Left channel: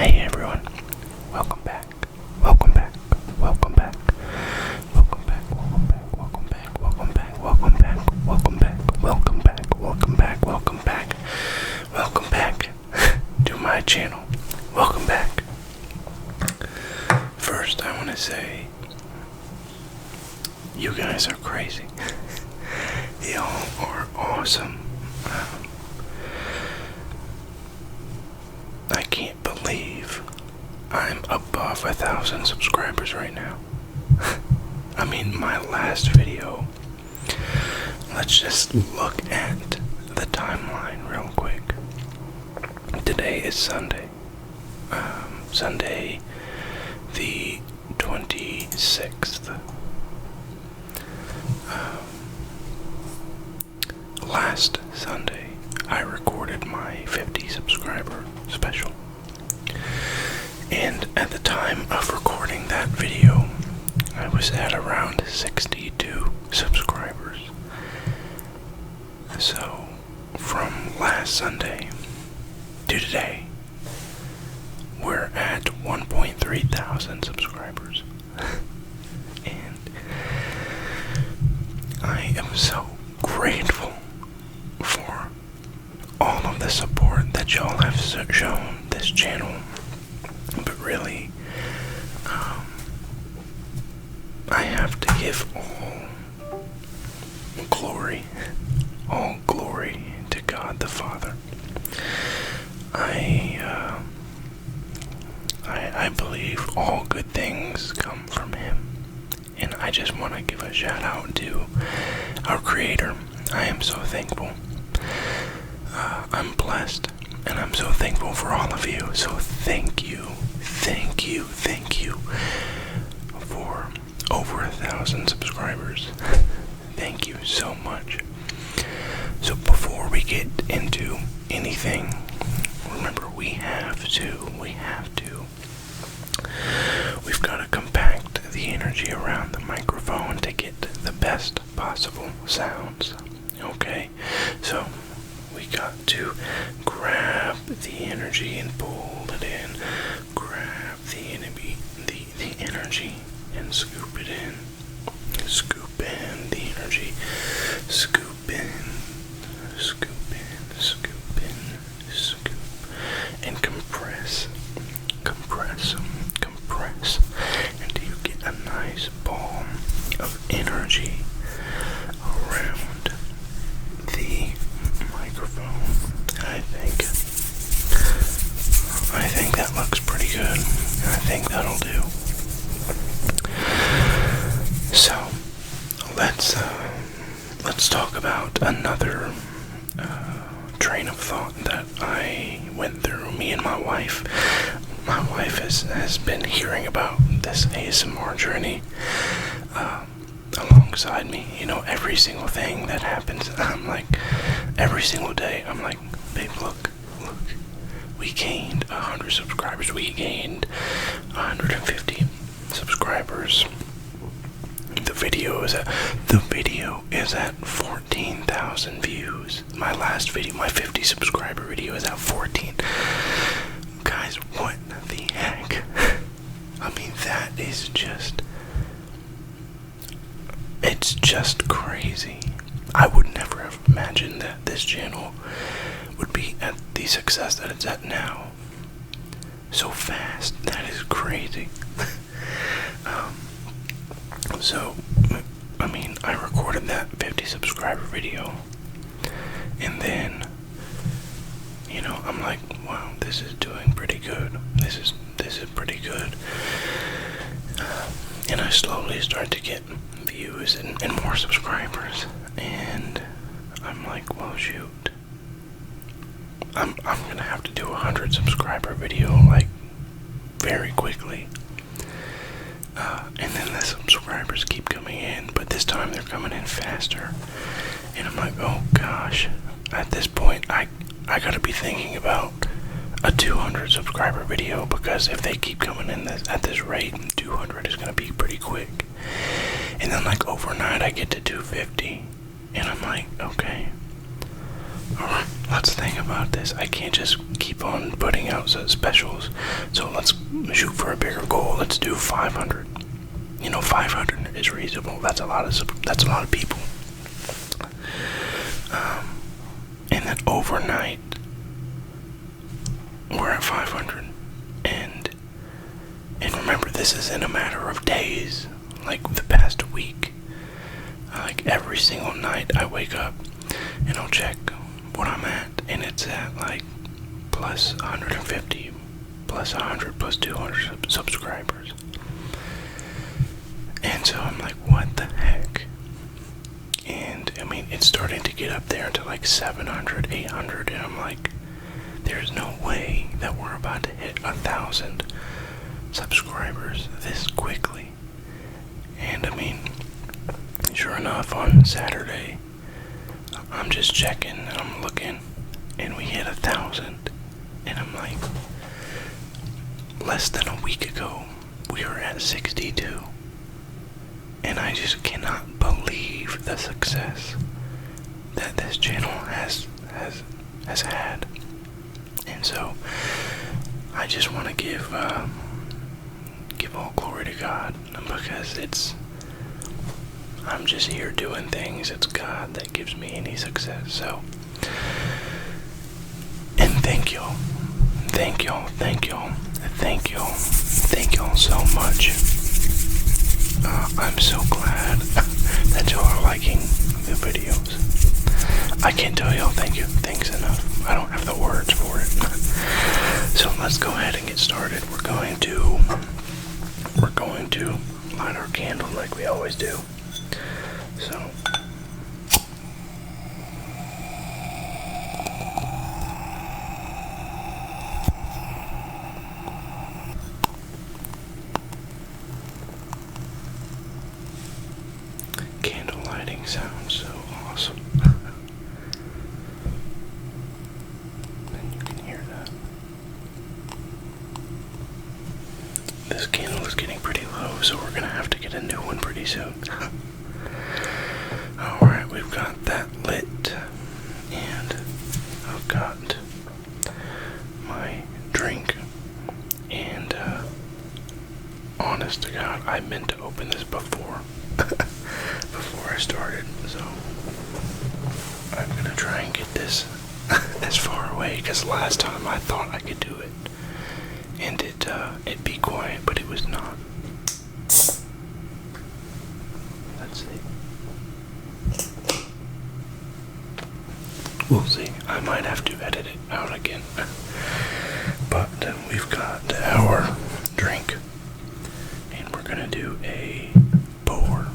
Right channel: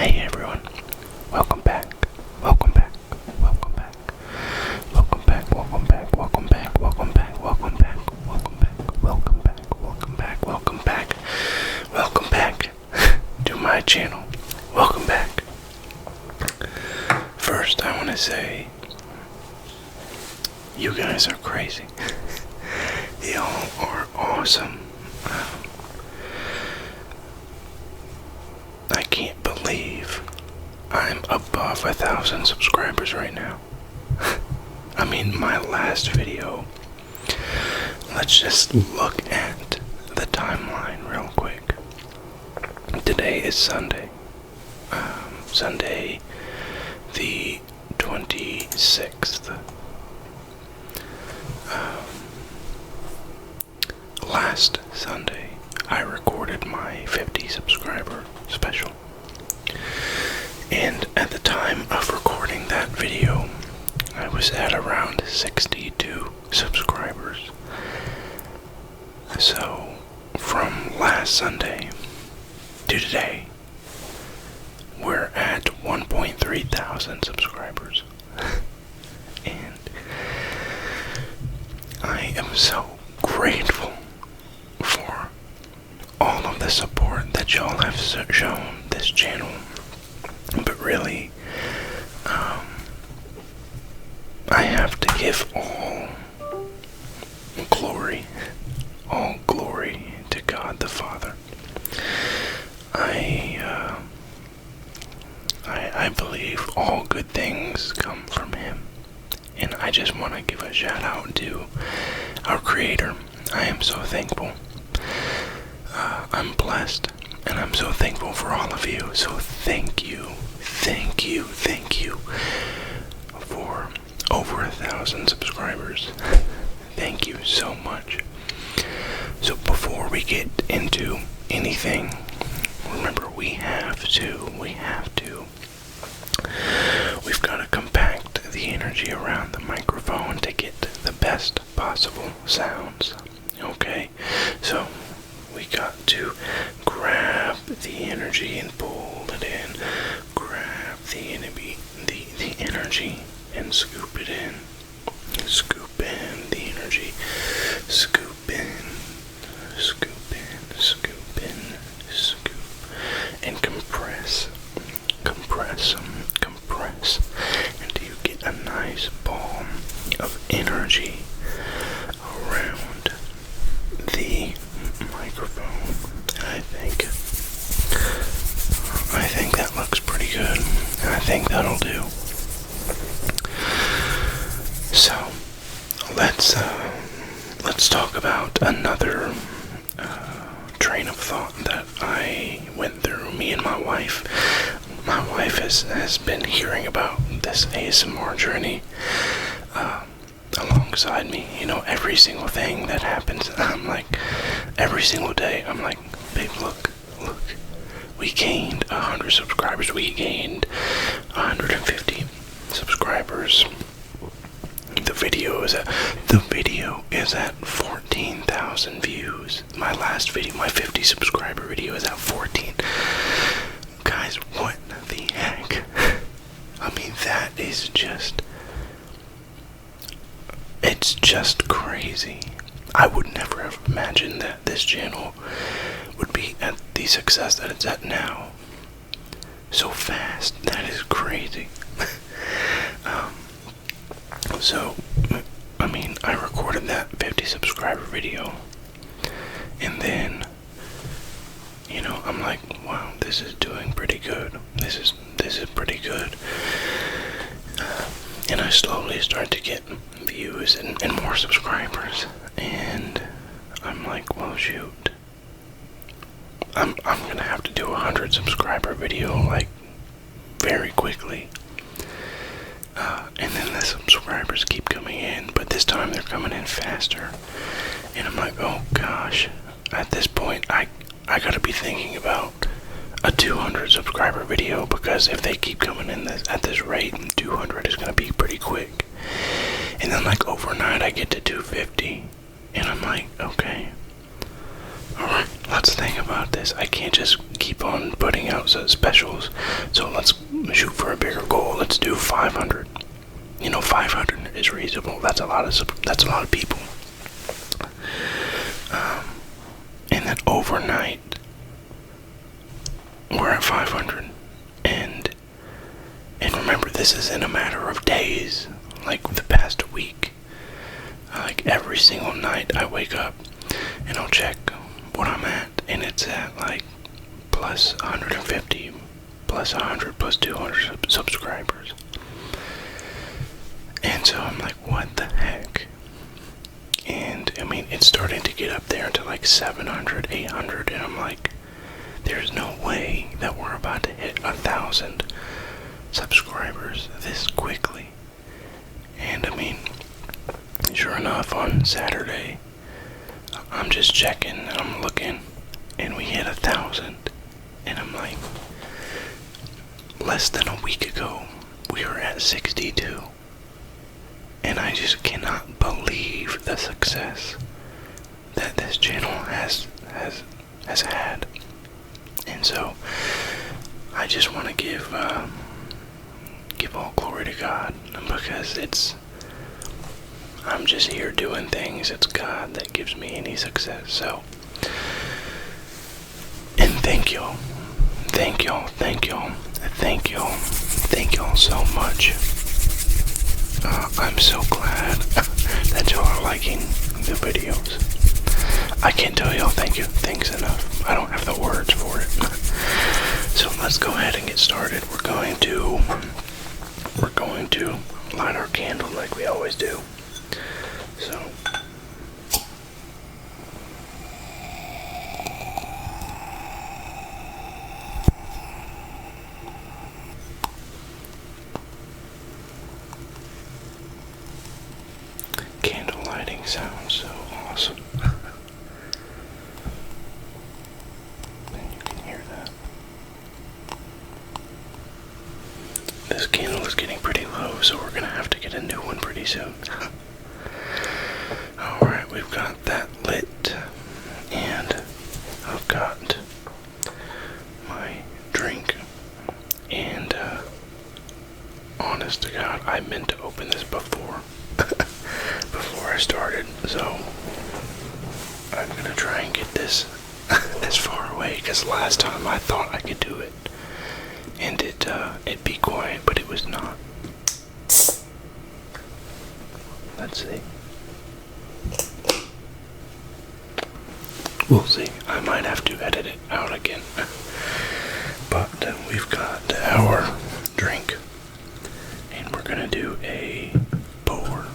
Hey everyone, welcome back, welcome back, welcome back, welcome back, welcome back, welcome back, welcome back, welcome back, welcome back, welcome back, welcome back, welcome back, welcome back to my channel. Welcome back. First, I want to say, you guys are crazy. Y'all are awesome. I can't believe I'm above 1,000 subscribers right now. I mean, my last video, let's just look at the timeline real quick. Today is Sunday. Sunday the 26th. Last Sunday, I recorded my 50 subscriber special. And at the time of recording that video, I was at around 62 subscribers. So, from last Sunday to today, we're at 1.3 thousand subscribers. And I am so grateful for all of the support that y'all have shown this channel. But really, I have to give all glory to God the Father. I believe all good things come from Him, and I just want to give a shout out to our Creator. I am so thankful. I'm blessed, and I'm so thankful for all of you. So thank you for over 1,000 subscribers. Thank you so much. So before we get into anything, remember we've got to compact the energy around the microphone to get the best possible sounds. Okay, so we got to grab the energy and pull it in. Grab the energy and scoop it in. Scoop in the energy. Scoop in. Scoop in. Scoop in. Scoop. And compress. Compress. Compress. Until you get a nice ball of energy around the microphone. I think that looks pretty good. I think that'll do. So let's talk about another train of thought that I went through. Me and my wife. My wife has been hearing about this ASMR journey alongside me. You know, every single thing that happens, I'm like, every single day, I'm like, babe, look, we gained 100 subscribers, we gained 150 subscribers. The video is at 14,000 views. My last video, my 50 subscriber video, is at 14. Guys, what the heck? I mean, that is just, it's just crazy. I would never have imagined that this channel would be at the success that it's at now. So fast. That is crazy. So, I mean, I recorded that 50 subscriber video, and then, you know, I'm like, wow, this is doing pretty good. This is pretty good. And I slowly start to get views and more subscribers, and I'm like, well, shoot, I'm gonna have to do a 100 subscriber video like very quickly. And then the subscribers keep coming in, but this time they're coming in faster. And I'm like, oh gosh, at this point I gotta be thinking about a 200 subscriber video, because if they keep coming in at this rate, 200 is gonna be pretty quick. And then like overnight I get to 250, and I'm like, okay, alright, let's think about this. I can't just keep on putting out specials. So let's shoot for a bigger goal. Let's do 500. 500 is reasonable. That's a lot of people. And then overnight, we're at 500. And remember, this is in a matter of days. Like the past week. Like every single night, I wake up and I'll check what I'm at, and it's at like plus 150, plus 100, plus 200 subscribers. And so I'm like, what the heck? And I mean, it's starting to get up there to like 700, 800, and I'm like, there's no way that we're about to hit 1,000 subscribers this quickly. And I mean, sure enough, on Saturday, I'm just checking, I'm looking, and we hit 1,000. And I'm like, less than a week ago, we were at 62. And I just cannot believe the success that this channel has had. And so, I just want to give all glory to God, because I'm just here doing things. It's God that gives me any success. So, and thank y'all so much. I'm so glad that y'all are liking the videos. I can't tell y'all thanks enough. I don't have the words for it. So let's go ahead and get started. We're going to light our candle like we always do. So candle lighting sounds so awesome. And you can hear that. This candle is getting pretty low, so we're gonna have to get a new one pretty soon. Alright, we've got that lit, and I've got my drink, and honest to God, I meant to open this before I started, so I'm gonna try and get this as far away, because last time I thought I could do it, and it'd be quiet, but it was not. Let's see. We'll see. I might have to edit it out again. But we've got our drink, and we're gonna do a pour.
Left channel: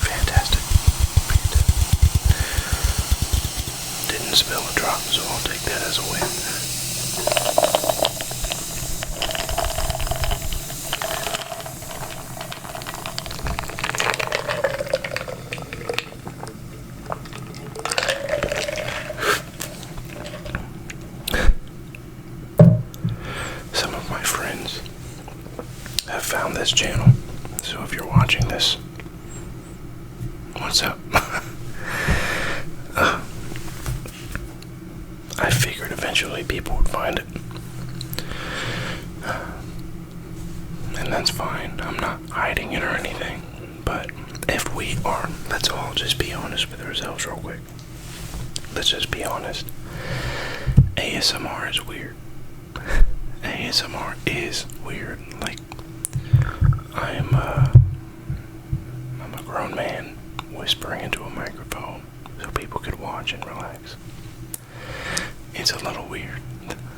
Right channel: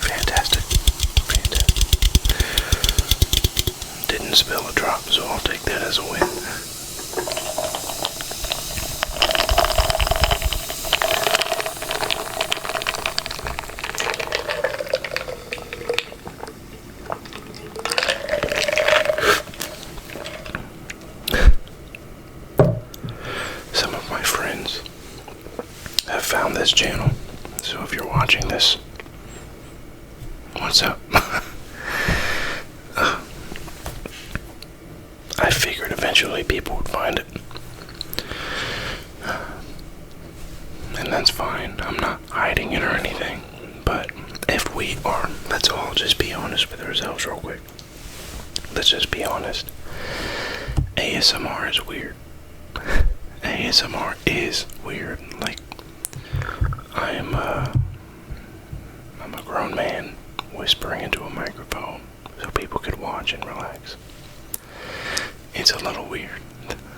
Fantastic. Didn't spill a drop, so I'll take that as a win. Some of my friends have found this channel, so if you're watching this, what's up? I figured eventually people would find it. And that's fine. I'm not hiding it or anything. But if we are, let's all just be honest with ourselves real quick. Let's just be honest. ASMR is weird. ASMR is weird. Like, I'm a grown man whispering into a microphone so people could watch and relax. It's a little weird.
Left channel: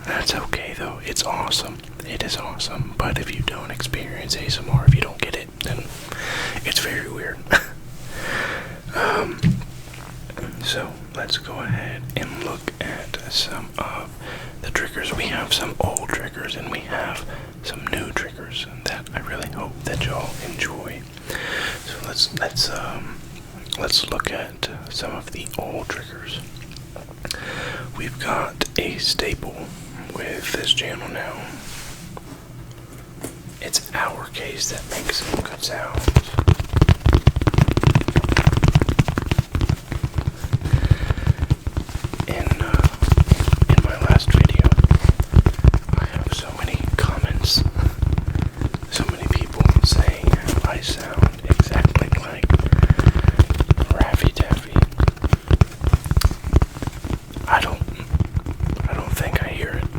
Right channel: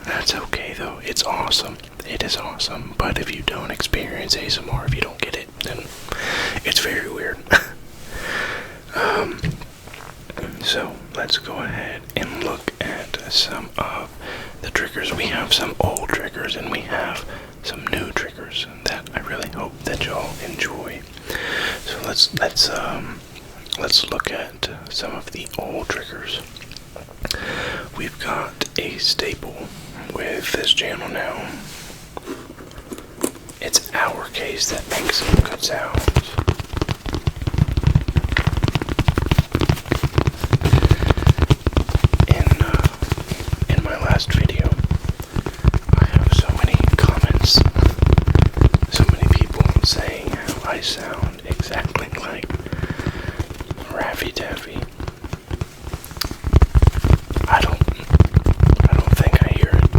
That's okay though. It's awesome. It is awesome. But if you don't experience ASMR, if you don't get it, then it's very weird. So let's go ahead and look at some of the triggers. We have some old triggers and we have some new triggers I really hope that y'all enjoy. So let's look at some of the old triggers. We've got a staple with this channel now. It's our case that makes some good sounds. In my last video, I have so many comments, so many people saying how I sound exactly like Raffy Taffy. I don't think I hear it,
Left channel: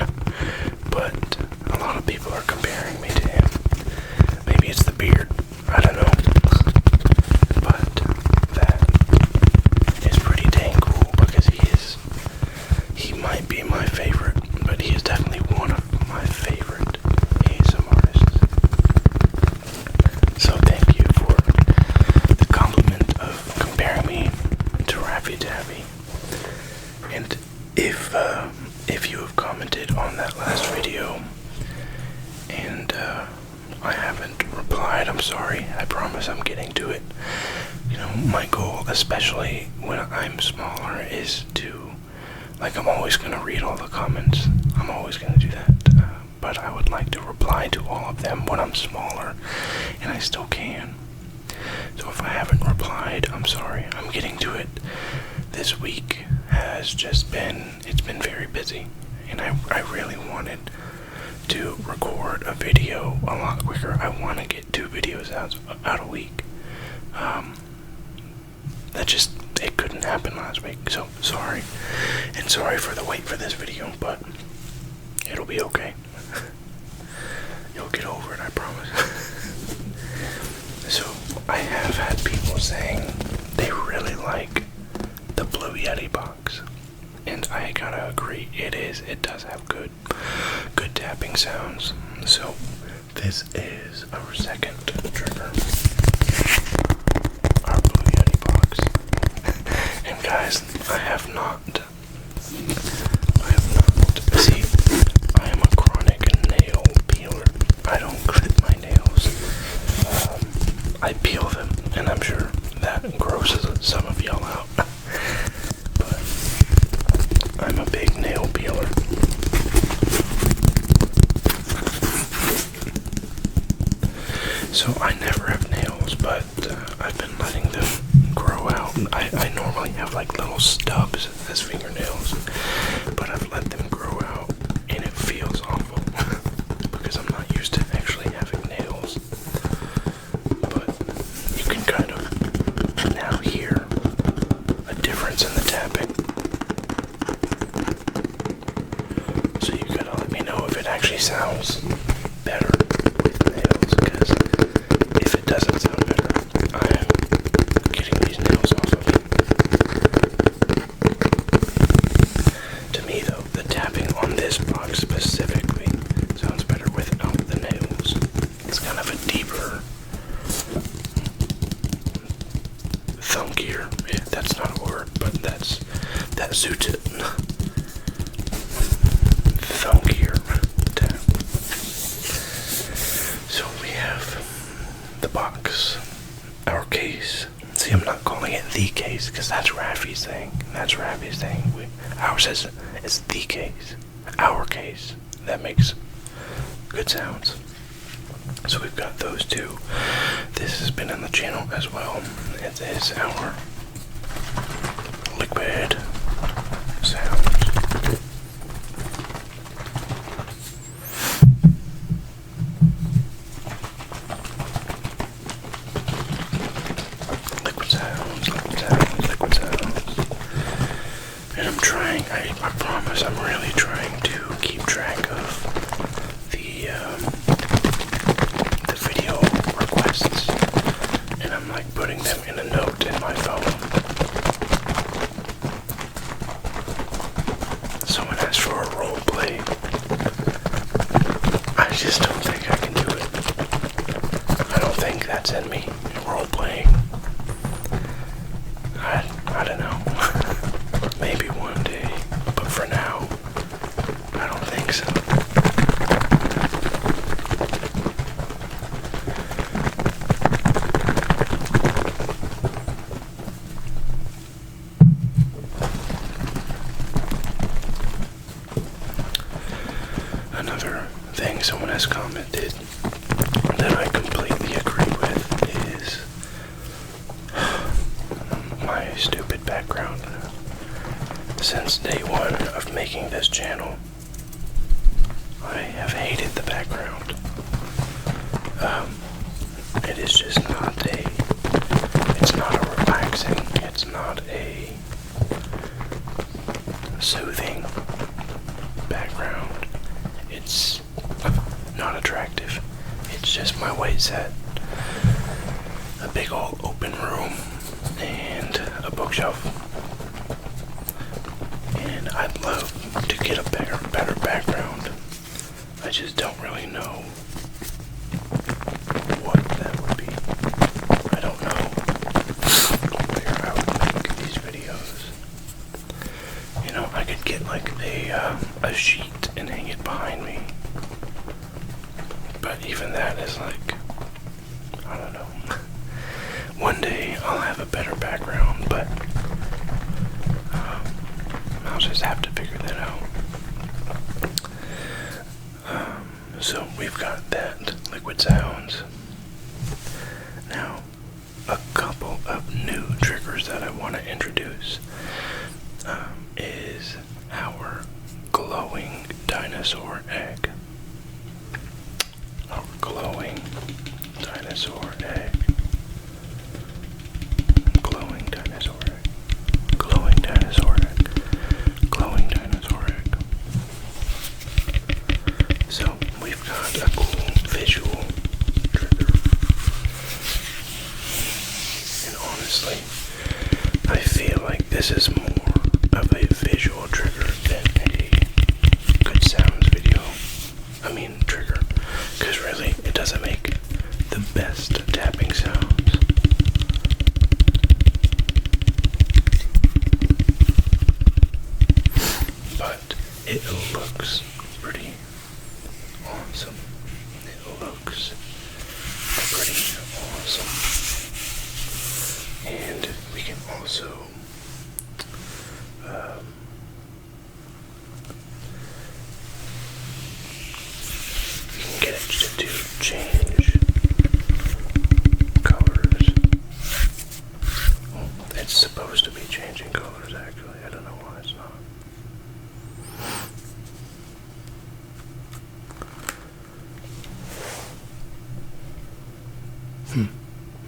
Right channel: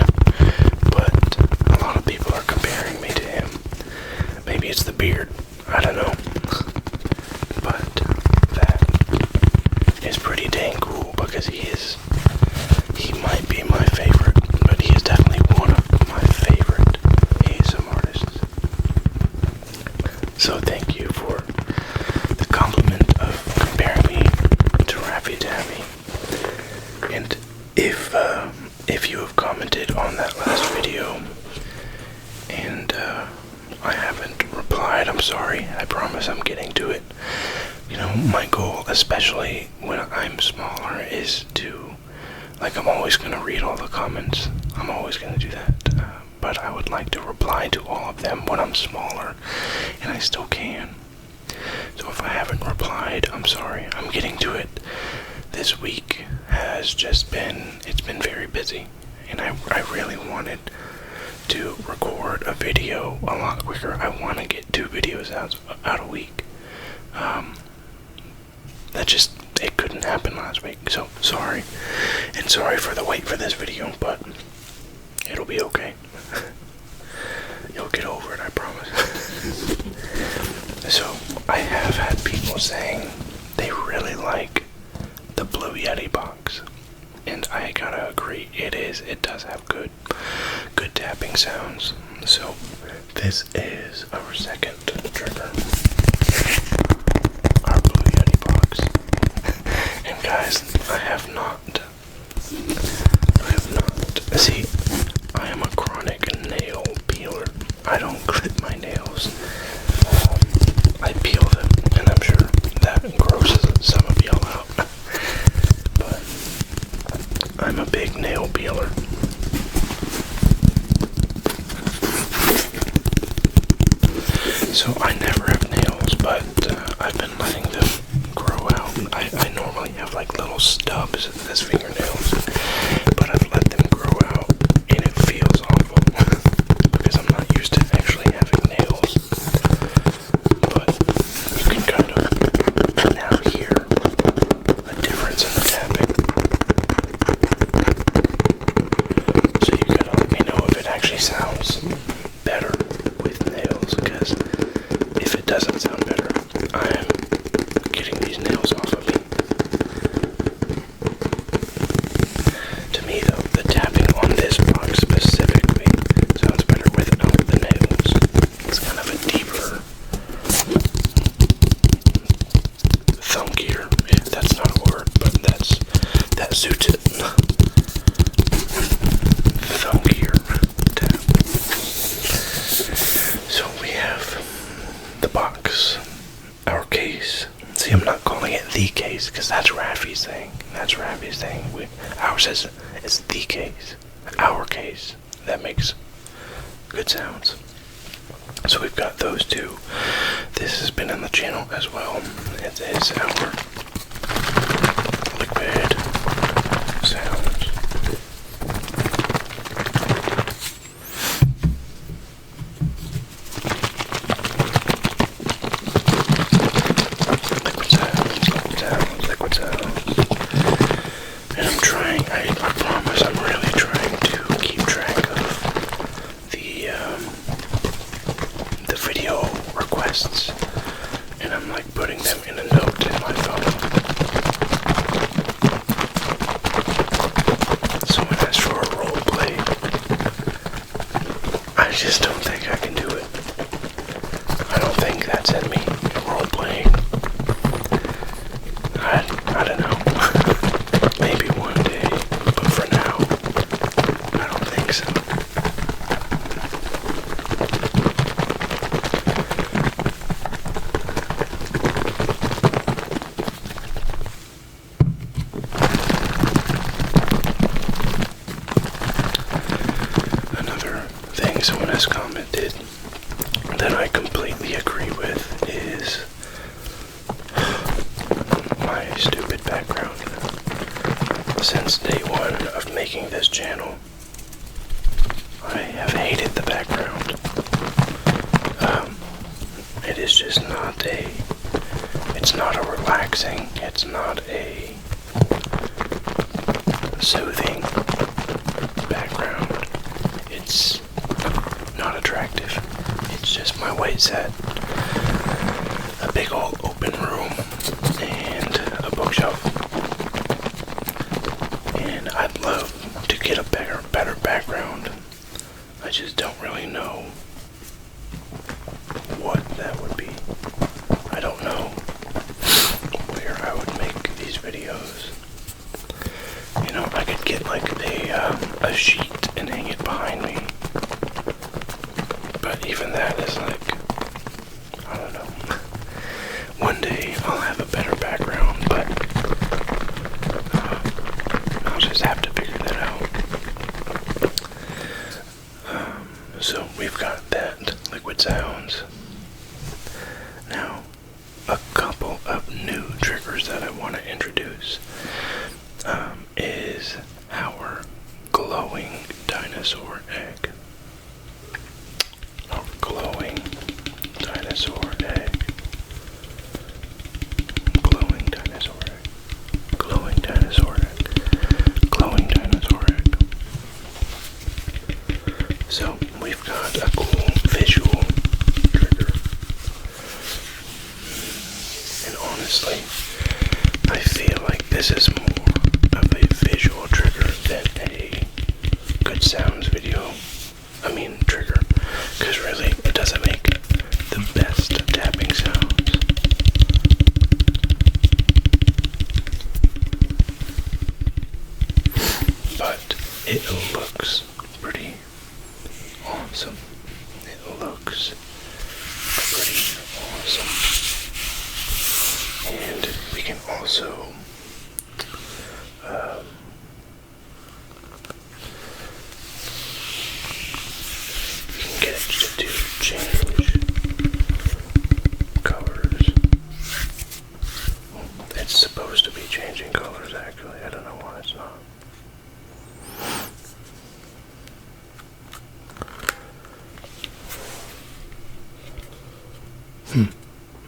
but a lot of people are comparing me to him. Maybe it's the beard, I don't know, but that is pretty dang cool because he might be my favorite, but he is definitely one of my favorite ASM artists. So thank you for the compliment of comparing me to Raffy Taffy. And if you have commented on that last video and I haven't replied, I'm sorry. I promise I'm getting to it. You know, my goal, especially when I'm smaller, is to, like, I'm always going to read all the comments. I'm always going to do that. But I would like to reply to all of them when I'm smaller, and I still can. So if I haven't replied, I'm sorry. I'm getting to it. This week has just been, it's been very busy, and I really wanted to record a video a lot quicker. I want to get 2 videos out a week. It couldn't happen last week, so sorry. And sorry for the wait for this video, but it'll be okay. You'll get over it, I promise. So, I have had people saying they really like the Blue Yeti box. And I gotta agree, it does have good tapping sounds. So this is our second trigger, our Blue Yeti box. And guys, I have not, see, I am a chronic nail peeler. I don't clip my nails. I peel them, and I'm sure that grosses some of y'all out. But I'm a big nail peeler. So I never have nails, but I've been letting them grow out. I normally have like little stubs as fingernails, but I've let them grow out, and it feels awful because I'm not used to actually having nails. But you can kind of now hear a difference in the tapping. So you gotta let me know if it actually sounds better with nails, because if it doesn't sound better, I am getting these nails off of me. To me though, the tapping on this box specifically sounds better without the nails. It's kind of a deeper, thunkier, if that's not a word, but that suits it. Thunkier tap. So we have the box, our case. See, I'm not calling it the case because that's Raffy's thing. Ours is the case. Our case that makes good sounds. So we've got those 2. This has been in the channel as well. It is our liquid sounds. Liquid sounds. And I'm trying, I promise I'm really trying to keep track of the video requests. And I'm like putting them in a note in my phone. Someone asked for a role play. I just don't think I can do it. I don't think that's in me. Role playing. I don't know. Maybe one day, but for now, I don't think so. since day one of making this channel, I have hated the background. It is just it's not a relaxing, it's not a soothing background. It's not attractive. It's just my white set, a big old open room, and a bookshelf. And I'd love to get a better background. I just don't really know what that would be. I don't know where I would make these videos. You know, I could get like a sheet and hang it behind me. But even that is like, I don't know. One day I'll have a better background, but I'll just have to figure that out. So we've got that, liquid sounds. Now, a couple of new triggers that I want to introduce is our glowing dinosaur egg. Our glowing dinosaur egg. Glowing dinosaur egg. Glowing dinosaur egg. Glowing dinosaur egg. So we've got a cool visual trigger. And honestly, I feel like this is more of a visual trigger than a good sounds video. Trigger. Because really, it doesn't make the best tapping sounds. But it looks pretty awesome. It looks pretty awesome. And we can also get it to change colors. Well, it's supposed to be changing colors actually. I don't know why it's not.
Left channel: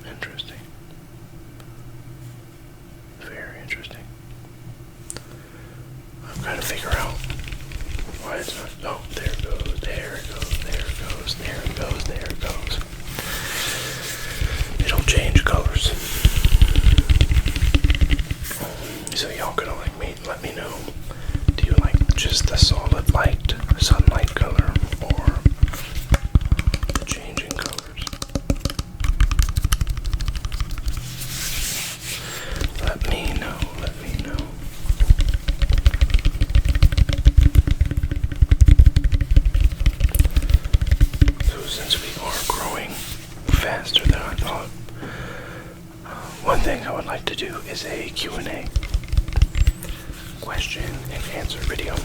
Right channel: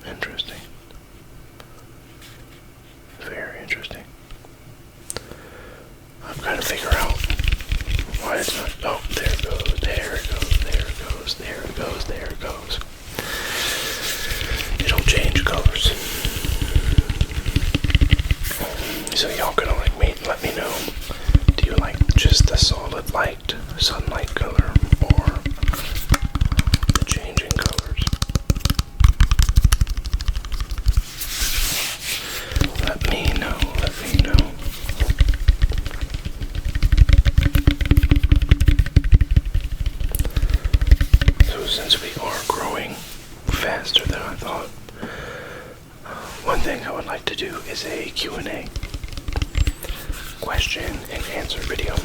Interesting. Very interesting. I've got to figure out why it's not. Oh, there it goes, there it goes, there it goes, there it goes, there it goes. It'll change colors. So y'all gonna let me know. Do you like just the solid light, sunlight color, or the changing colors? Let me know, let me know. So since we are growing faster than I thought, one thing I would like to do is a Q&A, question and answer video.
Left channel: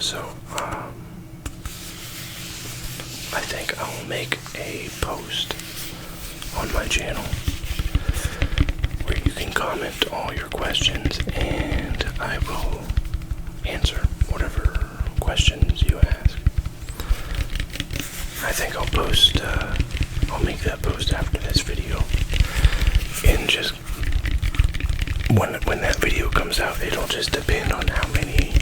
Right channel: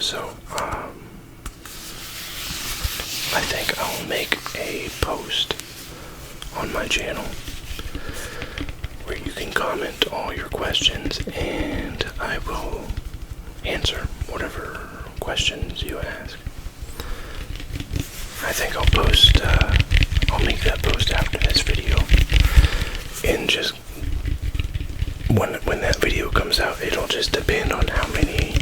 So, I think I will make a post on my channel where you can comment all your questions and I will answer whatever questions you ask. I think I'll make that post after this video, and just when that video comes out, it'll just depend on how many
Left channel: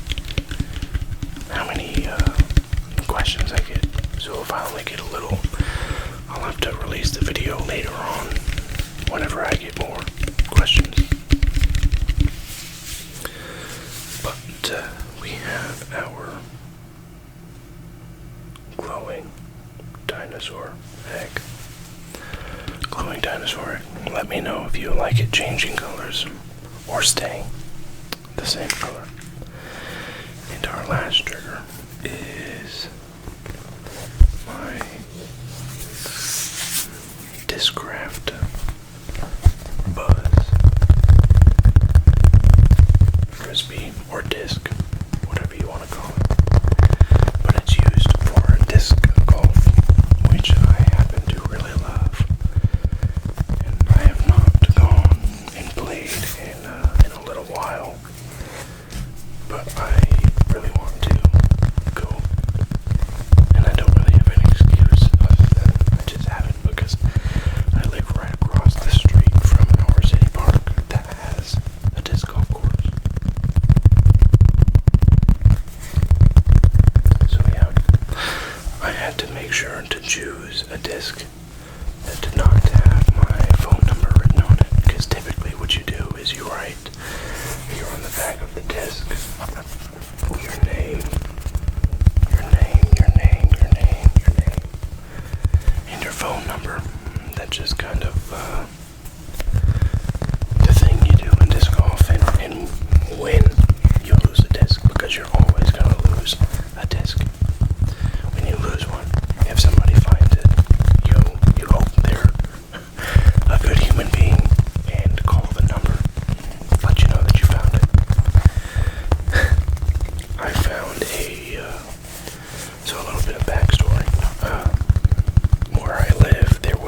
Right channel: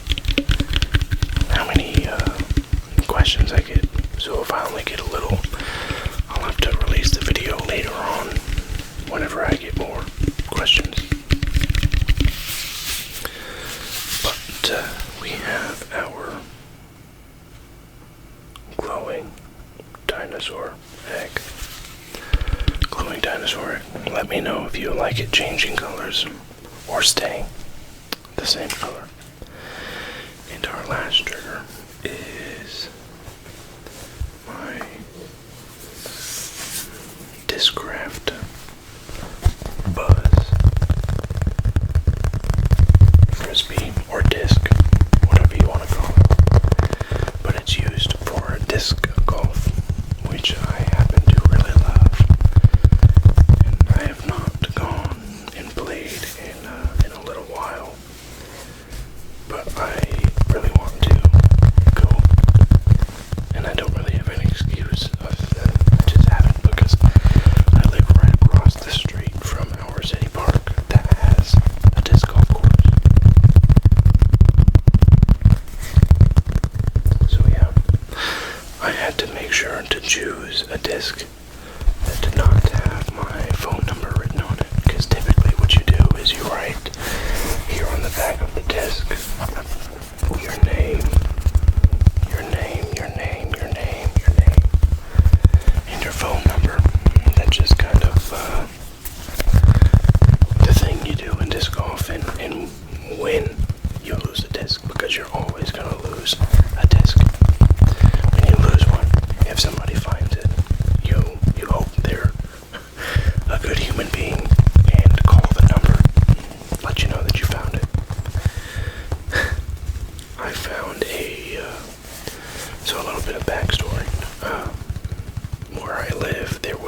questions I get. So if I only get a little, I'll have to release the video later on whenever I get more questions. But we have our glowing dinosaur egg. Glowing dinosaur egg. Let me know if you like it changing colors or staying the same color. And our last trigger is my Discraft Buzz Frisbee or disc, whatever you want to call it. But it's used for disc golf, which I happen to really love. And I have not gone and played in a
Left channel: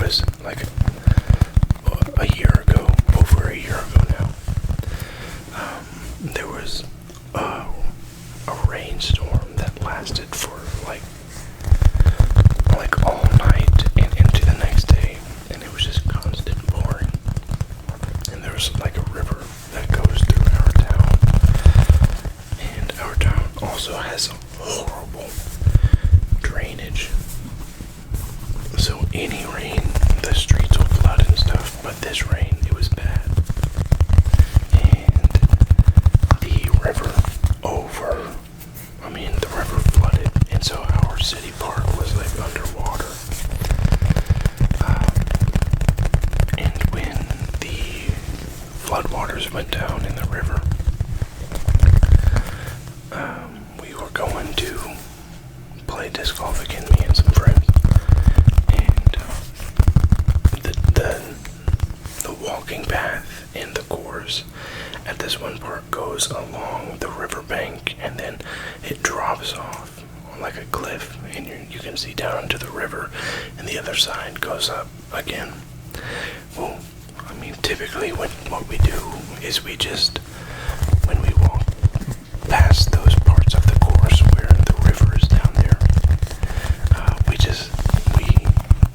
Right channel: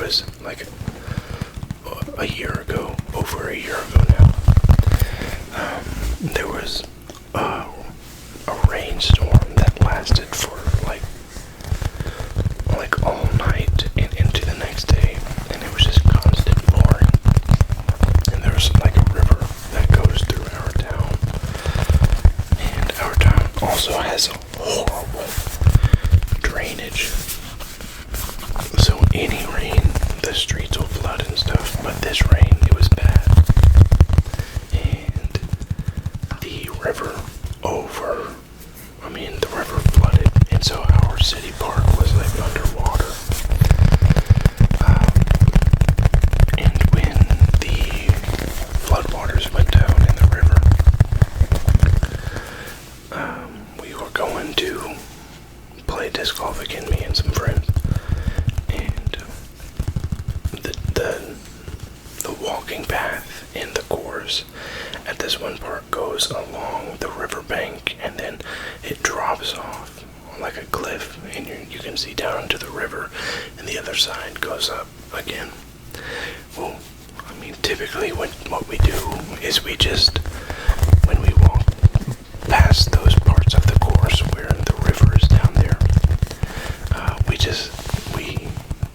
was like a year ago, over a year ago now. There was a rainstorm that lasted for like all night and into the next day, and it was just constant pouring. And there's like a river that goes through our town, and our town also has a horrible drainage. So any rain, the streets will flood and stuff, but this rain, it was bad. And the river flooded, and so our city park was like underwater. And when the floodwaters went down in the river, we were going to play disc golf again, me and some friends. And the walking path in the course at this one part goes along the riverbank, and then it drops off like a cliff, and you can see down into the river, and the other side goes up again. Well, I mean, typically what we do is we just, when we walk past those parts of the course where the river is down there, we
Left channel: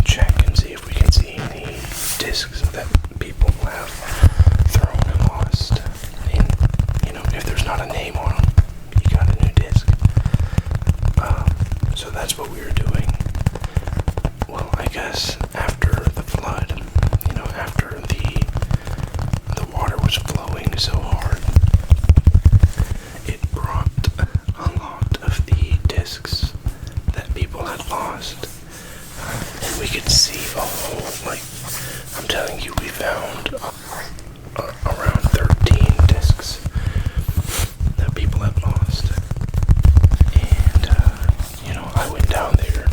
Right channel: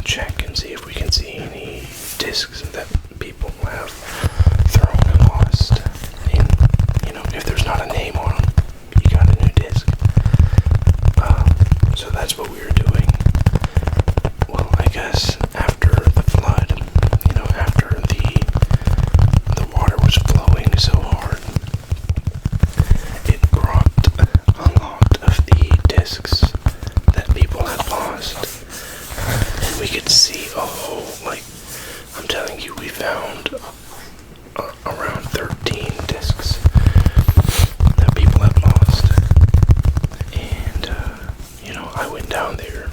check and see if we can see any discs that people have thrown and lost. And, if there's not a name on them, you got a new disc. So that's what we were doing. Well, I guess after the flood, after the water was flowing so hard, it brought a lot of the discs that people had lost. And we could see a whole, I'm telling you, we found around 13 discs that people had lost. And, I went down there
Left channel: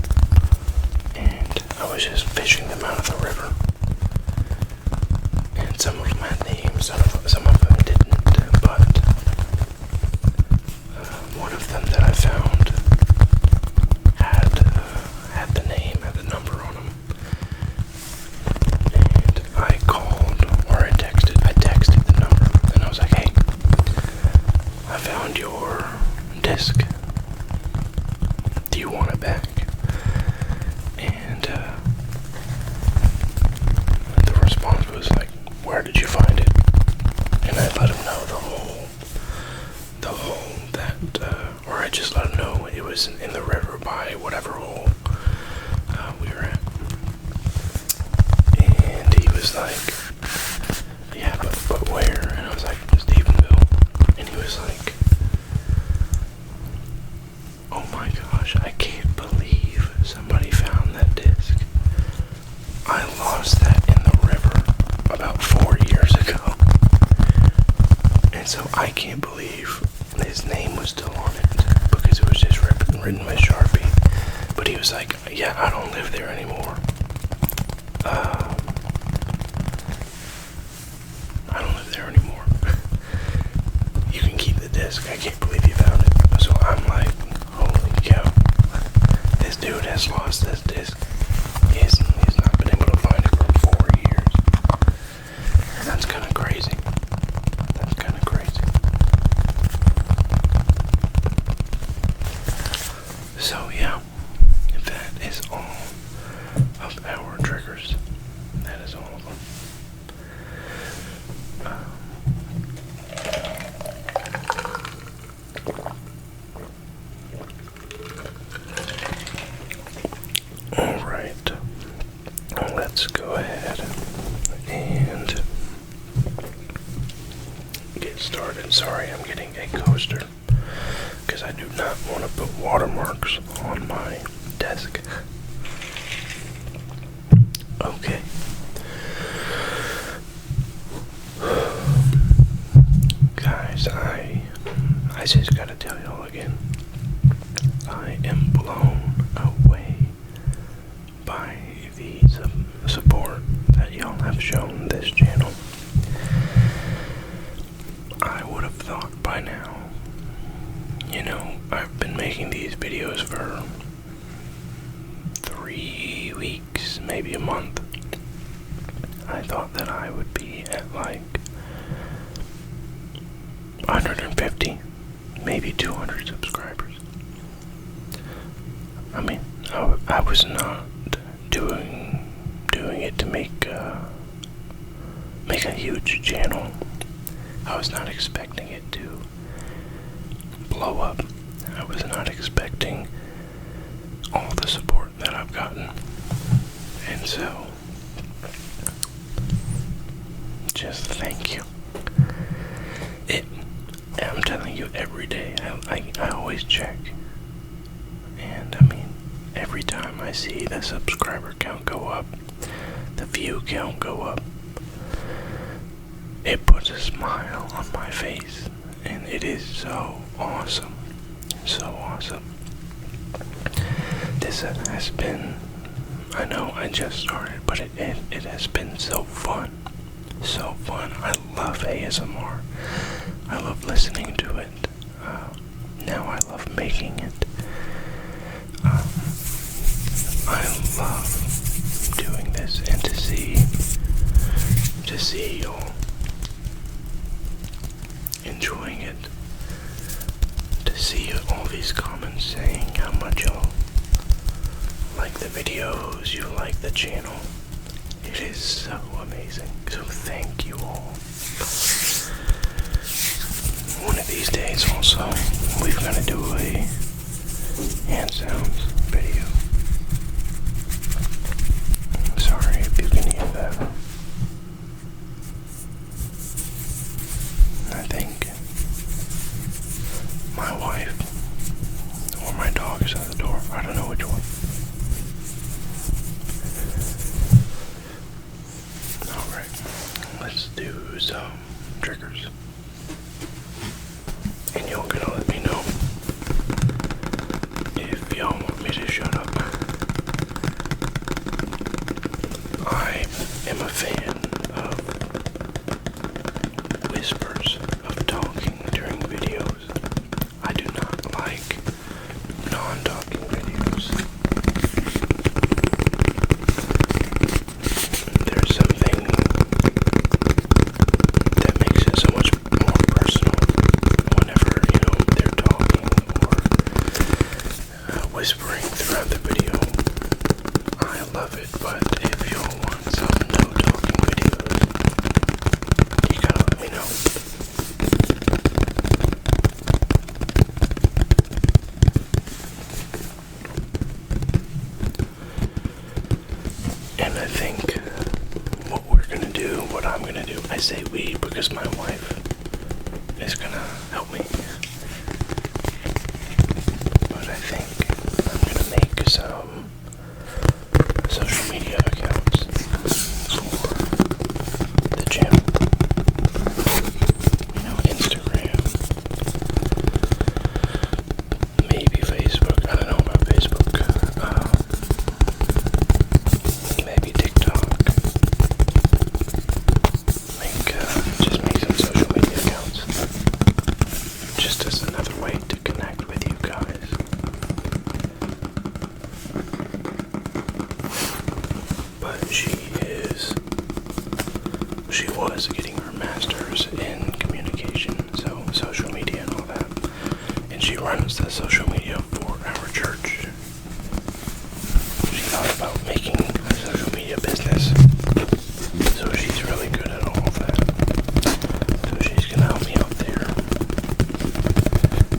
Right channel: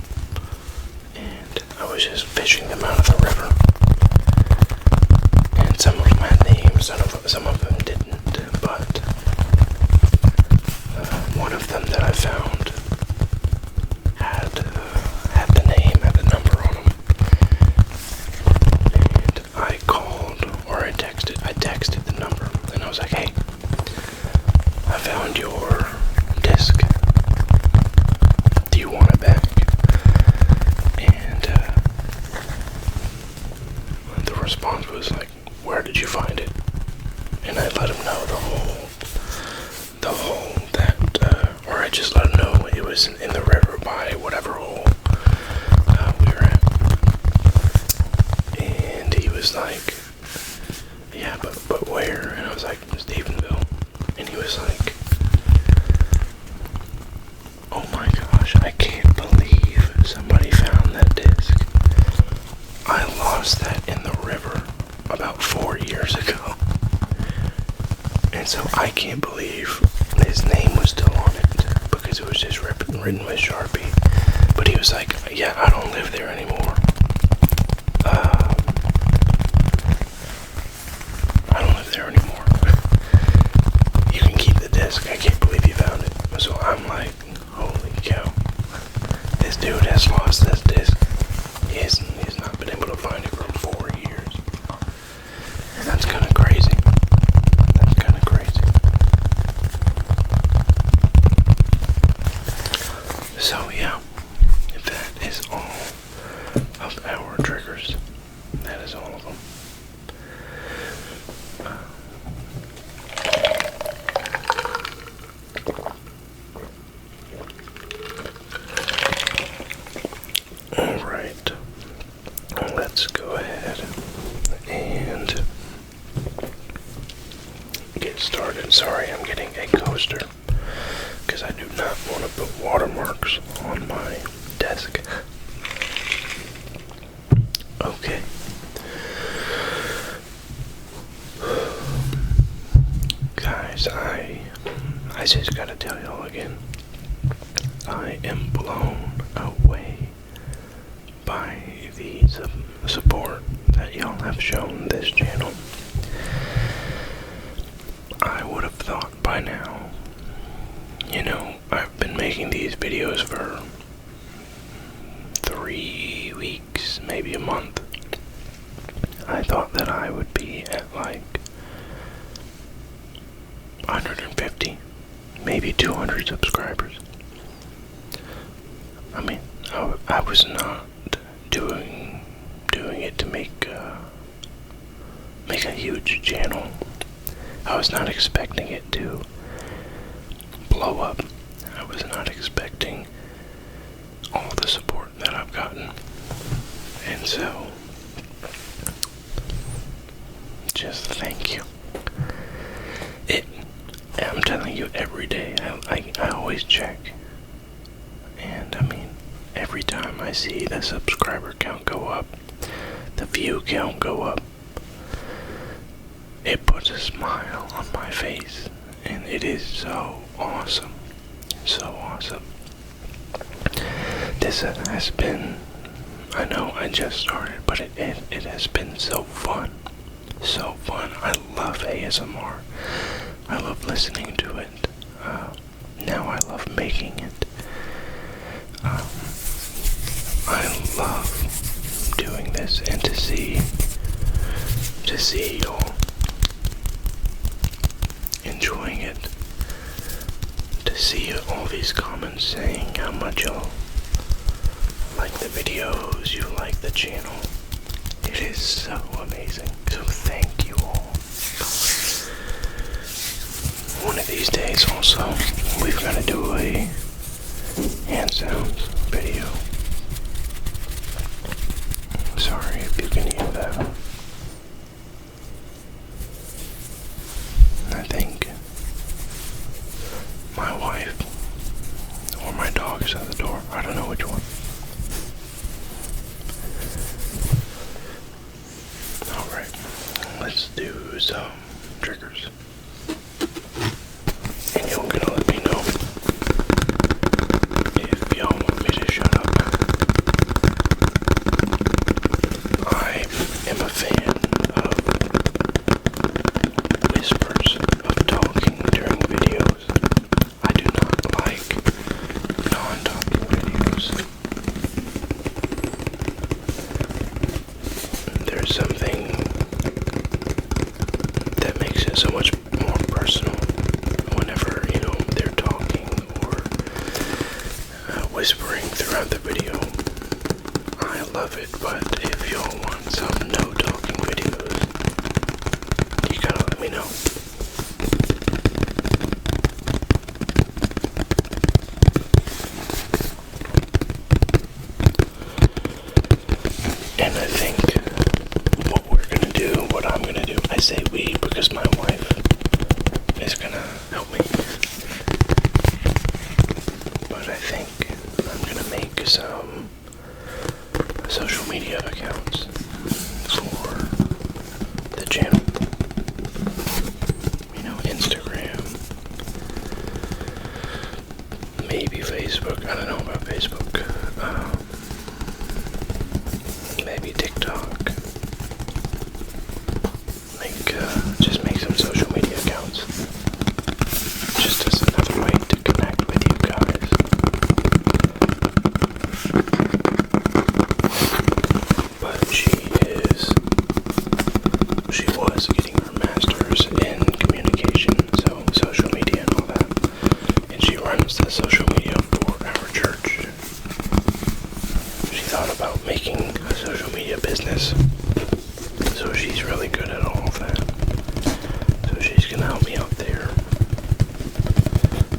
and I was just fishing them out of the river. And some of them had names, some of them didn't, but one of them that I found had the name, had the number on them. And I called, or I texted the number, and I was like, hey, I found your disc. Do you want it back? And the response was like, where did you find it? And I let him know or I just let him know it was in the river by whatever hole we were at. And he was like, yeah, but where? And I was like, Stephenville. And he was like, oh my gosh, I can't believe somebody found that disc. I lost that in the river about 4 years ago. And so I can't believe his name was still on it, because it was just written with Sharpie. But he was like, yeah, I don't live there anymore. I don't live there anymore. You can keep the disc. I can't believe you found it. So I'm like, holy cow. This dude has lost this disc. He's not been able to find it for 4 years. And that's kind of crazy. That's kind of crazy. So yeah, that is all of our triggers. That is all of them. Alright, let's go ahead and get started. Sorry, I'm getting a coaster because I do not want to put watermarks on my desk. Okay. Guys, I just gotta tell y'all again, I am blown away by the support that y'all have shown this channel. I would have thought by now, I've been making these videos for 3 weeks, maybe a month, I thought that I would be at like 150, maybe 200 subscribers. I mean, I was not doing it to make a huge channel. I was not expecting it to blow up. I was not expecting all the support that I've gotten. And so, just thank you. I'm telling you, every day, I always check. And I mean, every time I see the subscriber count go up, the view count go up, it puts a smile on my face. And it is so awesome. So awesome. This has been, I know I just started, but it has been so fun. So fun. I love ASMR. I love listening to it. Now I love making it. I love doing this, and to see y'all enjoying it, to see all these comments saying how much y'all like the videos, you like the channel. It is so amazing. So thank you all. One of these days also, we're gonna do a hand sounds video. Sorry if you can hear that. I think my wife or my dog is at the door. I don't know which one. Alright, let's do some triggers. And y'all gonna let me know if y'all want me to shut up. I am a fan of whispers, of talking during videos. I do not like non-talking videos. There's something that makes it so much more personal whenever, they're talking or whispering throughout the video. I love it, but if y'all want some no-talking videos, you gotta let me know. And I think what I'm gonna do, I say we because my wife is gonna help me. But I think I'm gonna make some social media accounts for the channel. Instagram, maybe Facebook. I don't know about Facebook. Maybe TikTok. Just make some social media accounts. Just as another way to connect with you guys. But she was getting her master's in communication, so social media and all that. And she runs the social media for our church. She thought about making a social media business, so she's really good at all of that. So she's gonna help me out there.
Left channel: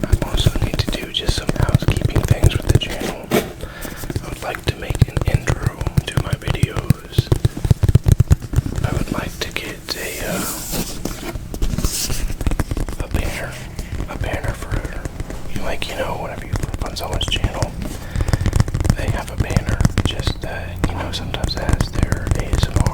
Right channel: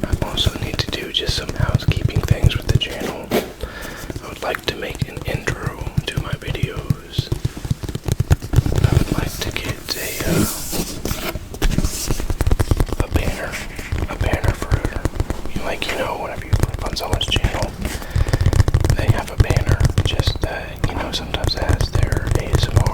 I also need to do just some housekeeping things with the channel. I would like to make an intro to my videos. I would like to get a banner for, whenever you flip on someone's channel, they have a banner just that, sometimes it has their ASMR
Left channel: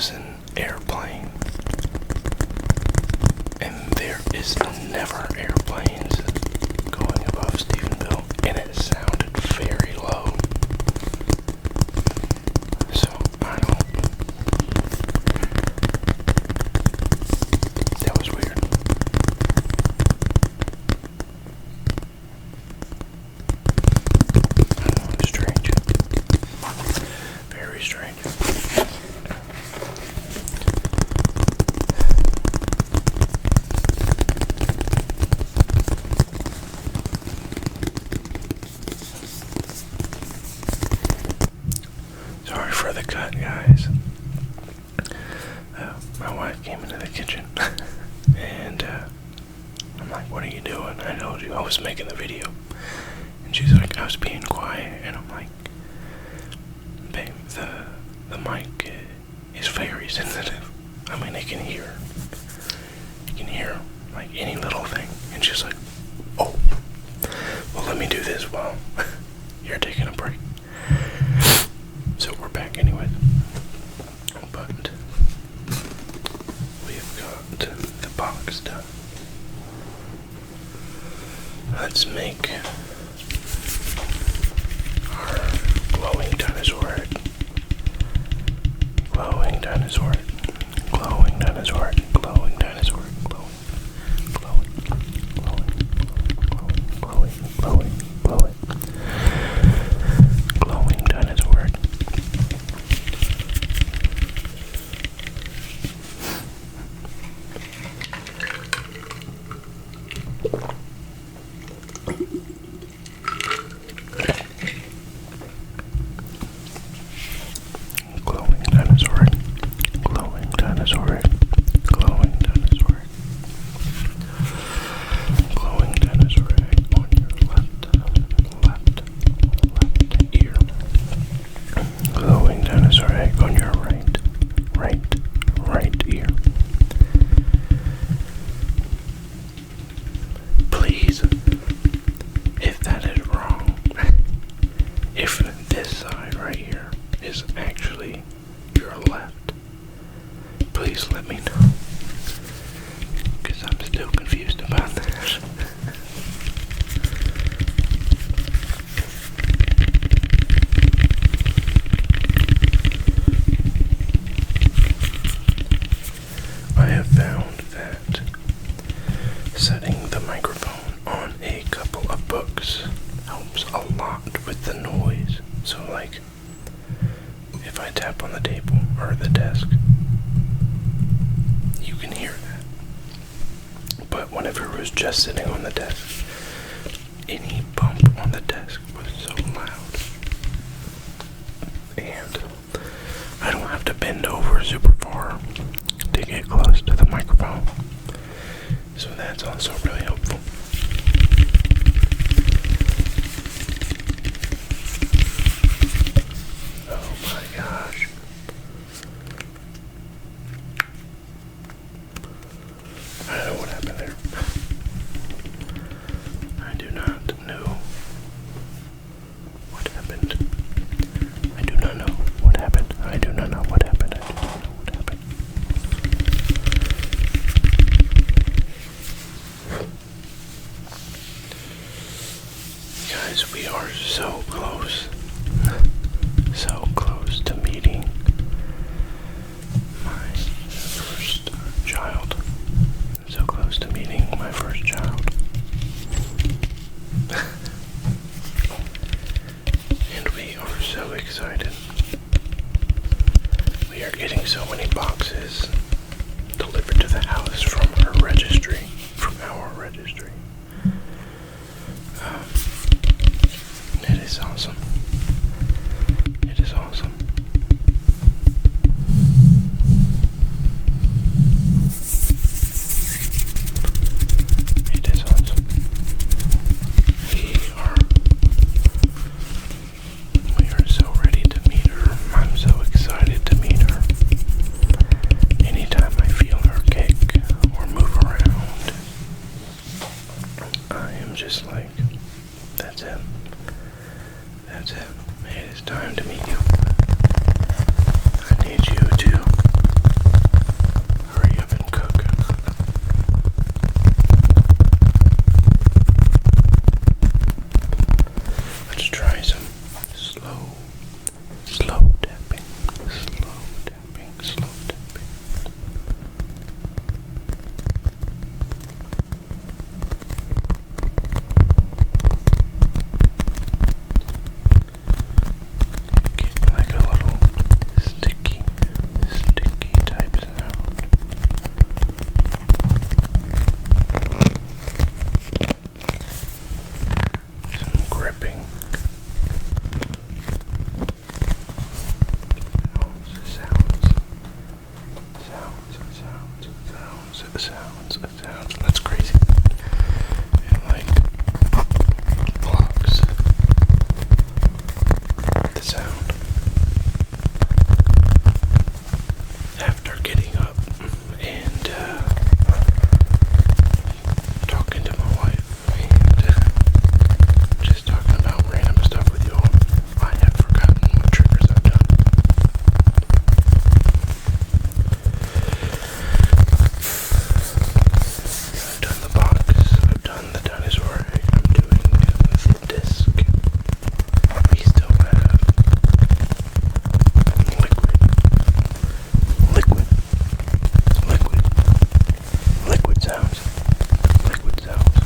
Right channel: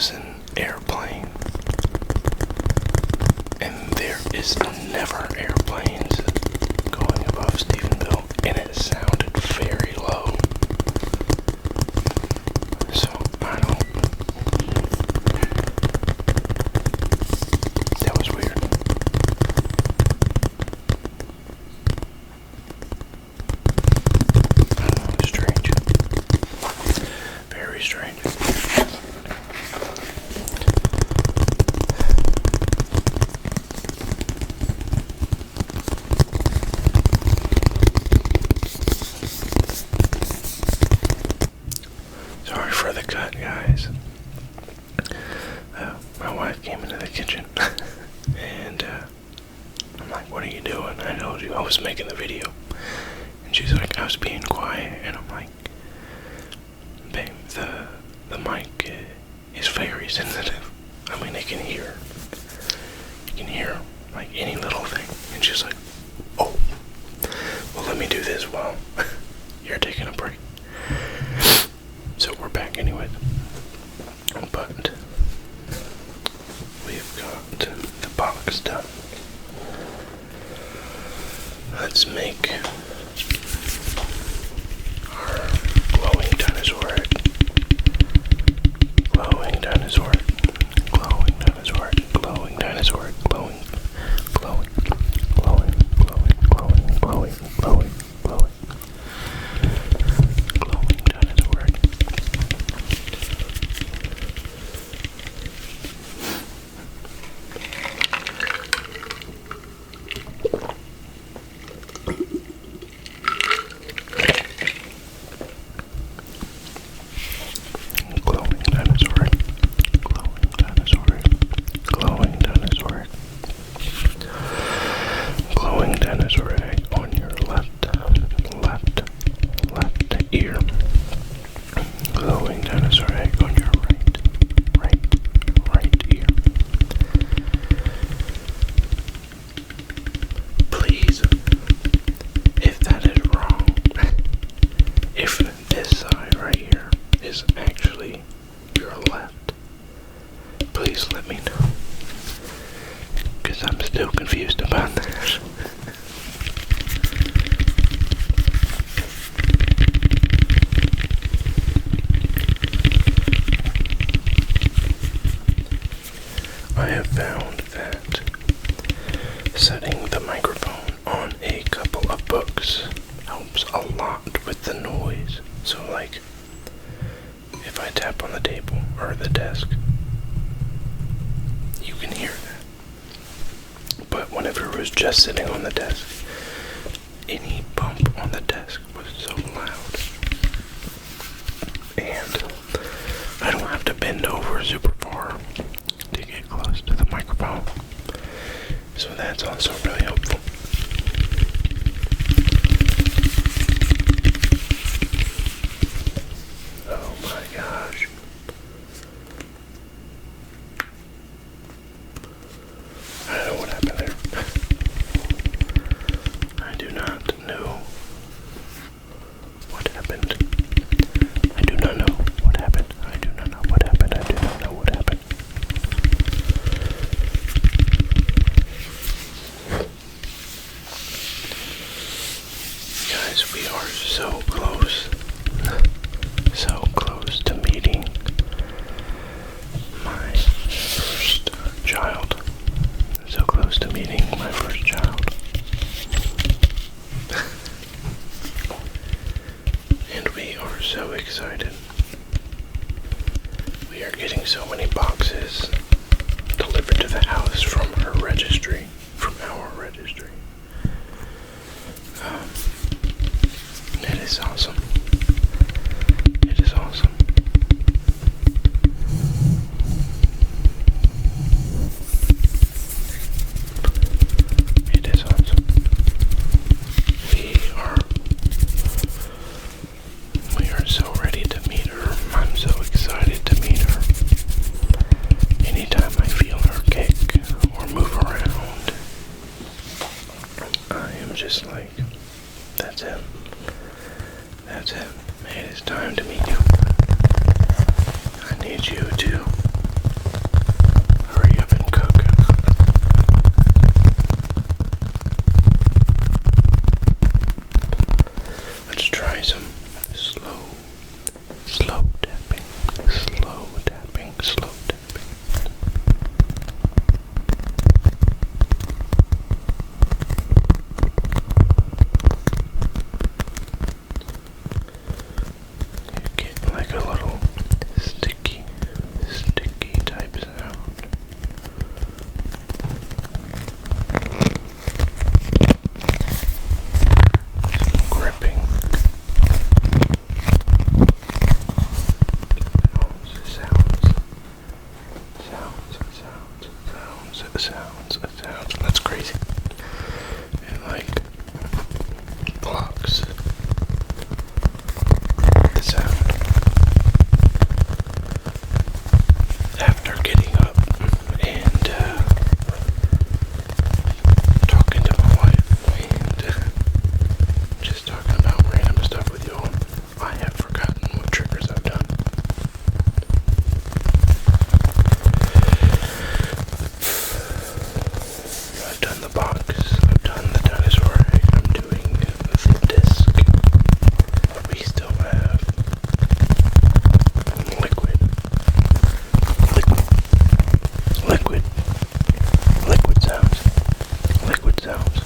was an airplane, and there is never airplanes going above Stephenville, and it sounded very low. So, I don't... That was weird. I don't know, strange. Very strange. Sorry for the cut, guys. My wife came into the kitchen and I'm like, what are you doing? I told you I was making the video. And she's like, I was being quiet. And I'm like, babe, the mic is very sensitive. I mean, it can hear. You can hear like any little thing. And she's like, oh, well, let me do this while you're taking a break. So we're back anyways. But we've got the box done. Let's make our glowing dinosaur head. Glowing dinosaur head. Glowing dinosaur head. Glowing dinosaur head. Glowing. Glowing. Glowing. Glowing. Glowing. Glowing. Glowing. Glowing. Glowing dinosaur head. Glowing dinosaur. Glowing dinosaur. Glowing dinosaur. Glowing dinosaur on your left ear. Glowing dinosaur egg on your right ear. Please, if that is wrong, if this side right here is actually your left, please let me know, because I'm still confused about this. I have found that setting the microphone on a couple of books helps a lot with the noise. So like, if I tap on the table or the desk, you can hear that. But whenever it was just sitting on the desk, any bump on the desk was so loud. And I don't have to bend over super far to get close to the microphone. So that's also really helpful. Oh my gosh. I don't know what happened there. I do not know what happened. I do not know what happened. I do not know what happened. I do not know what happened. Guys, we are so close to meeting my first child. So close to meeting my first child. And we are so excited. We are getting so many boxes delivered to the house from our registry. It is awesome. It is awesome. It is awesome. We are so ready to meet her. I'm so excited to meet her. Anytime I feel her kick or move around, I am just like, that's it. That's it. It is time to meet you. I need you to slow tapping, slow tapping, slow tapping. Get like a little sticky type sound. Some gripping. Sounds. That's crazy. It like blocks the sound. After getting up and talking to my wife and just talking about random stuff with you all, I have forgotten what triggers I've done. I've done the box, I've done the dinosaur egg, I'm doing the disc. We still have liquid sounds. Liquid sounds.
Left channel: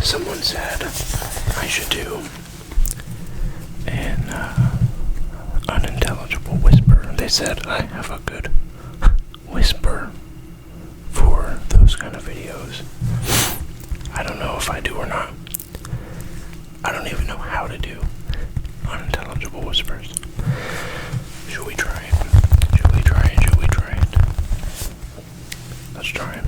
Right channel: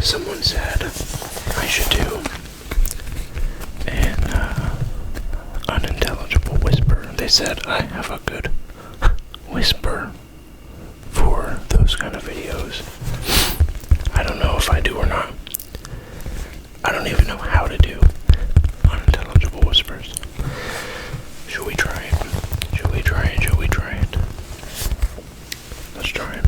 Someone said I should do an unintelligible whisper. They said I have a good whisper for those kind of videos. I don't know if I do or not. I don't even know how to do unintelligible whispers. Should we try it? Let's try it.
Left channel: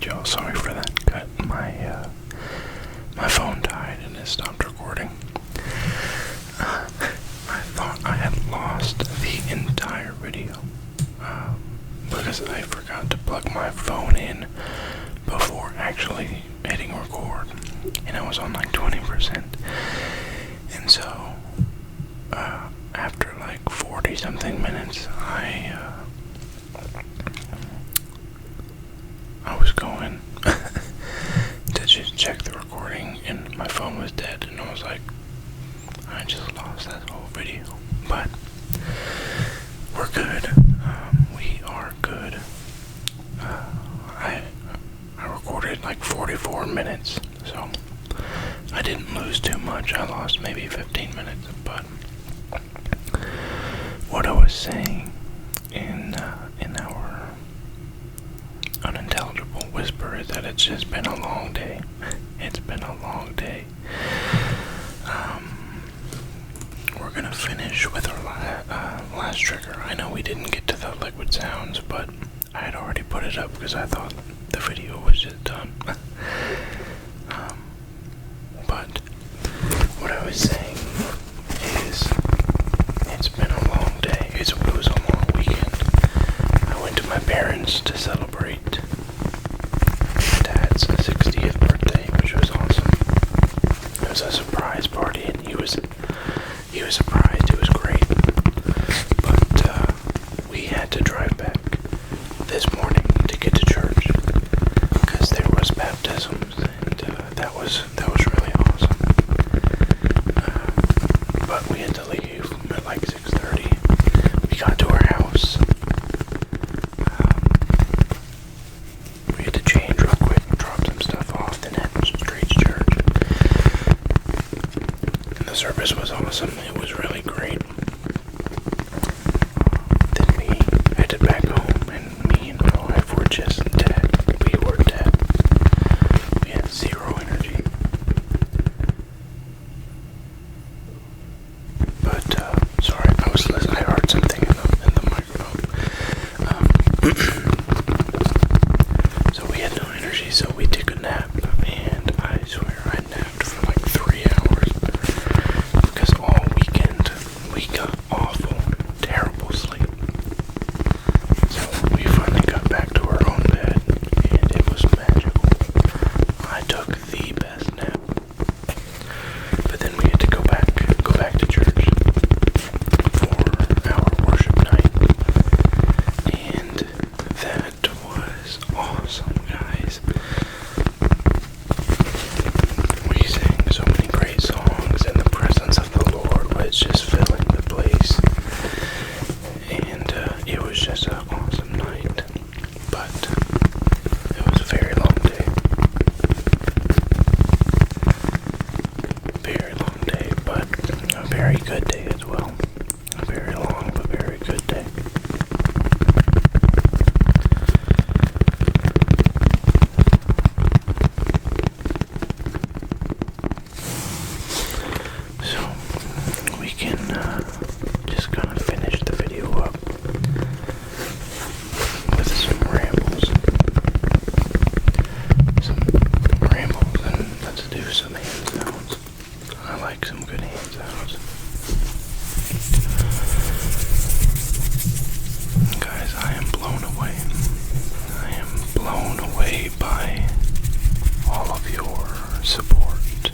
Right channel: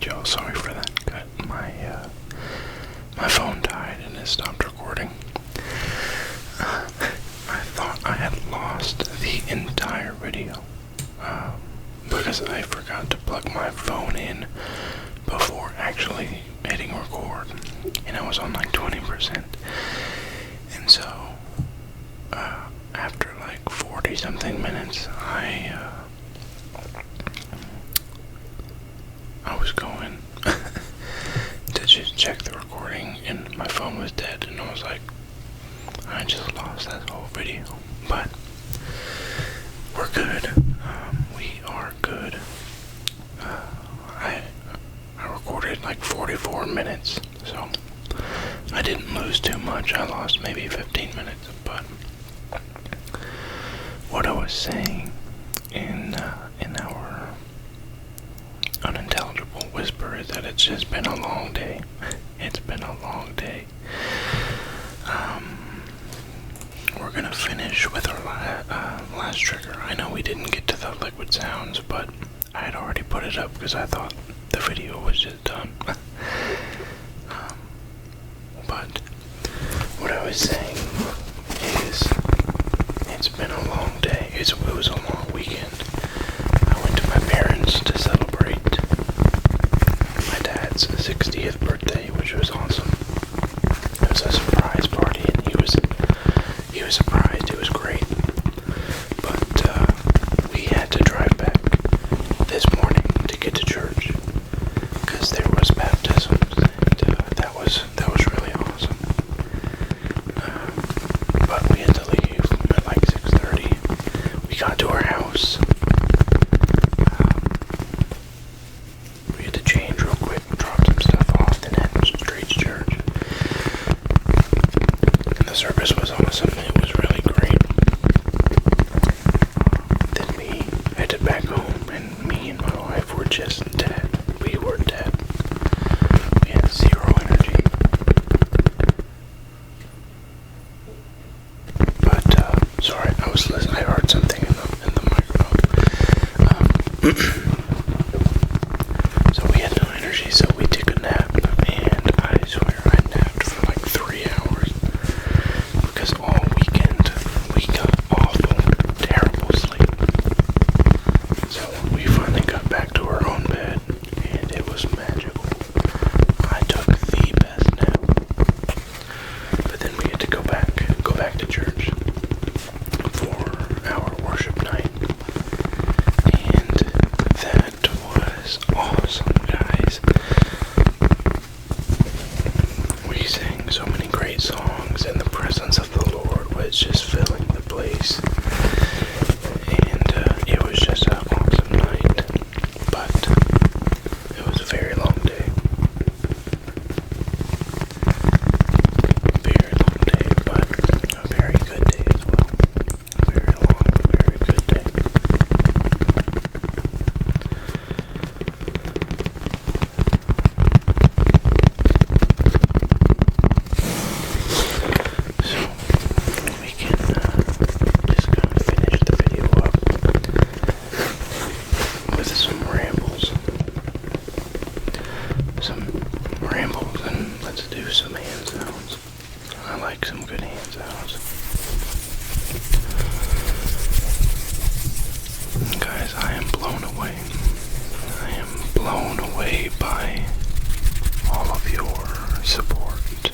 Y'all, sorry for that cut. My phone died and it stopped recording. I thought I had lost the entire video because I forgot to plug my phone in before actually hitting record, and I was on like 20%. And so after like 40 something minutes, I was going to just check the recording, and my phone was dead, and I was like, I just lost that whole video. But we're good. We are good. I recorded like 44 minutes, so I didn't lose too much. I lost maybe 15 minutes, but what I was saying in our unintelligible whisper is that it's just been a long day. It's been a long day. finish with our last trigger. I know we didn't get to the liquid sounds, but I had already put it up because I thought the video was just done. But what I was saying is, it's been a long day. It was a long weekend. I went to my parents to celebrate my dad's 60th birthday, which was awesome. It was a surprise party, and he was surprised. It was great. But we had to drive back this morning to get to church because there was baptisms, and that was really awesome. But we had to leave at like 6:30. We got to our house. We had to change real quick, drop some stuff off, then head straight to church. And the service was awesome. It was really great. Then we headed back home, and me and my wife were just dead. We were dead. We had zero energy. But, sorry, I was listening. I heard something in the microphone. So we had no energy, so we took a nap, and I swear I napped for like 3 hours. Because all weekend we got awful, terrible sleep. So we finally got back to our own bed, and it was magical. I took the best nap. But then we had to go back to church for our worship night. And that was awesome, guys. We sang so many great songs, and the presence of the Lord was just filling the place. And it was just an awesome night. But it was a very long day. Very long day, but a very good day as well. A very long but very good day. So we can just kind of finish the video up with some rambles. And let's do some hand sounds. I like some good hand sounds. Guys, I am blown away. I am blown away by all of your support.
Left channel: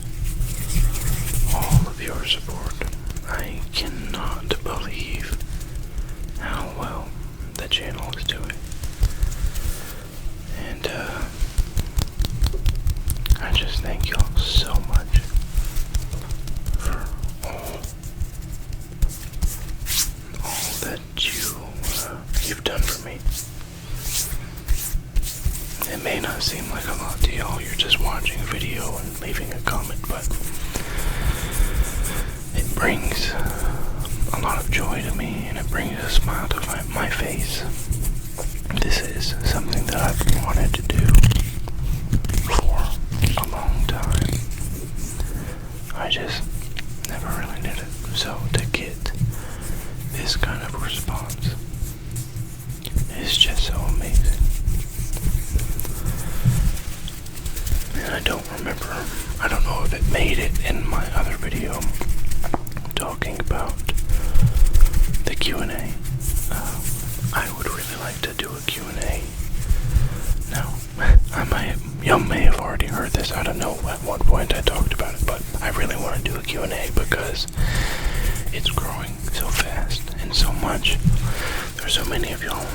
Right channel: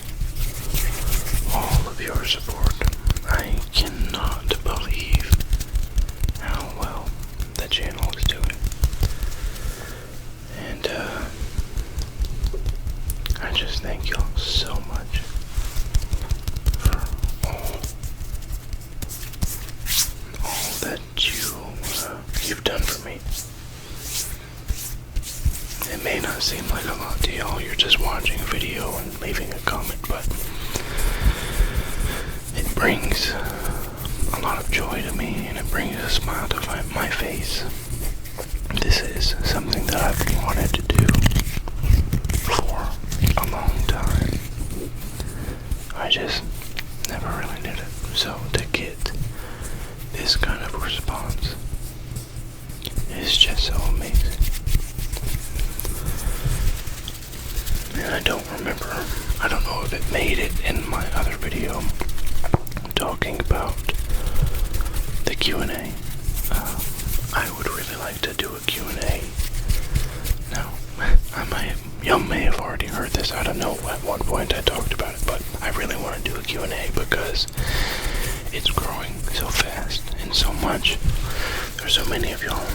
All of your support. I cannot believe how well the channel is doing. And I just thank y'all so much for all that you've done for me. It may not seem like a lot to y'all. You're just watching a video and leaving a comment, but it brings a lot of joy to me, and it brings a smile to my face. This is something that I've wanted to do for a long time. I just never really did it. So to get this kind of response is just so amazing. And I don't know if it made it in my other video talking about the Q&A. I would really like to do a Q&A. Now, y'all may have already heard this. I don't know at what point I talked about it, but I really want to do a Q&A because it's growing so fast and so much. There's so many of y'all,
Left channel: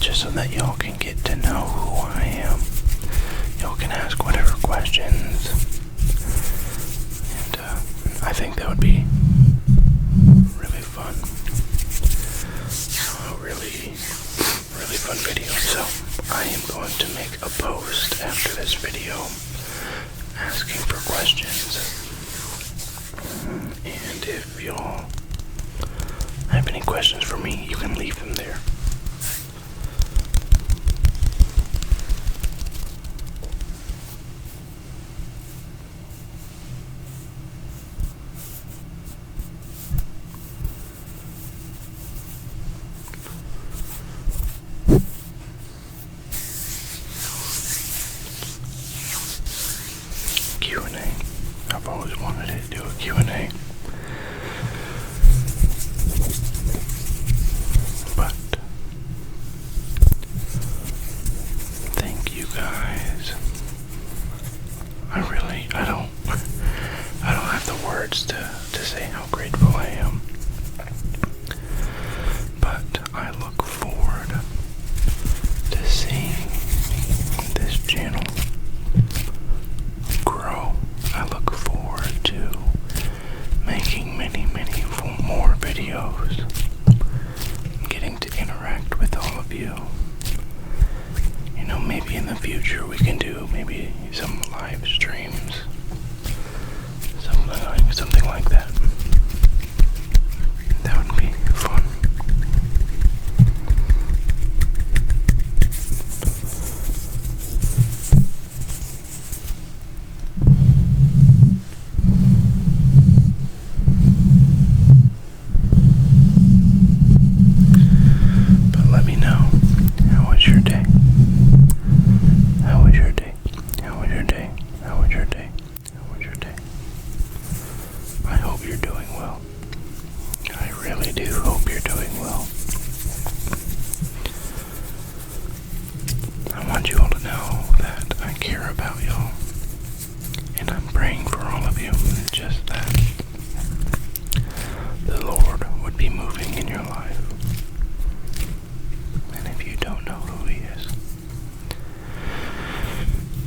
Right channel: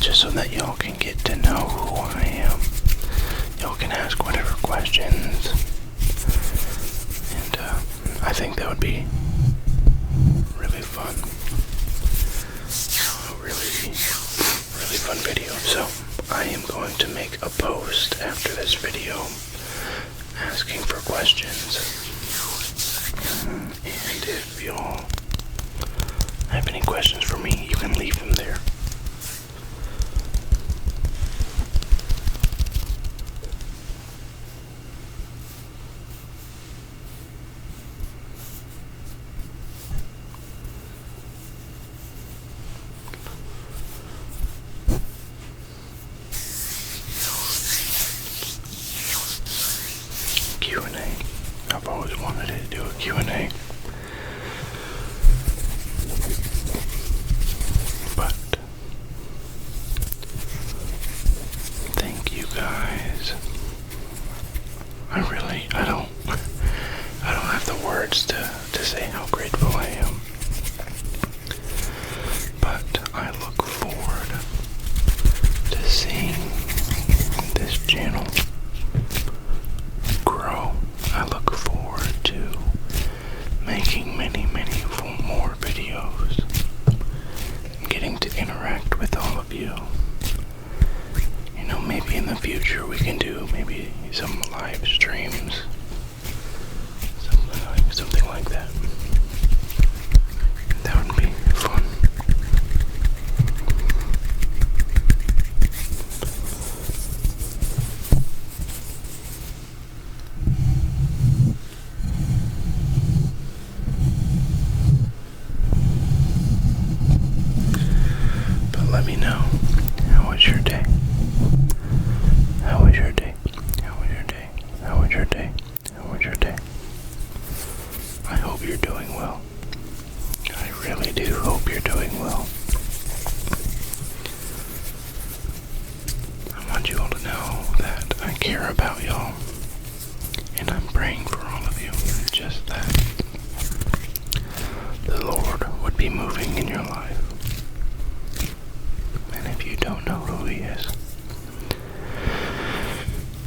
just so that y'all can get to know who I am. Y'all can ask whatever questions, and I think that would be really fun. A really fun video. So I am going to make a post after this video asking for questions. And if y'all have any questions for me, you can leave them there. I've always wanted to do a Q&A. But thank you guys. I don't have the words to say how grateful I am. But I look forward to seeing this channel grow. I look forward to making many more videos, getting to interact with all of you. You know, maybe in the future we can do maybe some live streams, something like that. That would be fun. But let me know, how was your day? How was your day? How was your day? How was your day? How was your day? I hope you're doing well. I really do hope you're doing well. I want you all to know that I care about y'all, and I'm praying for all of you, just that the Lord would be moving in your life. And if you don't know who He is,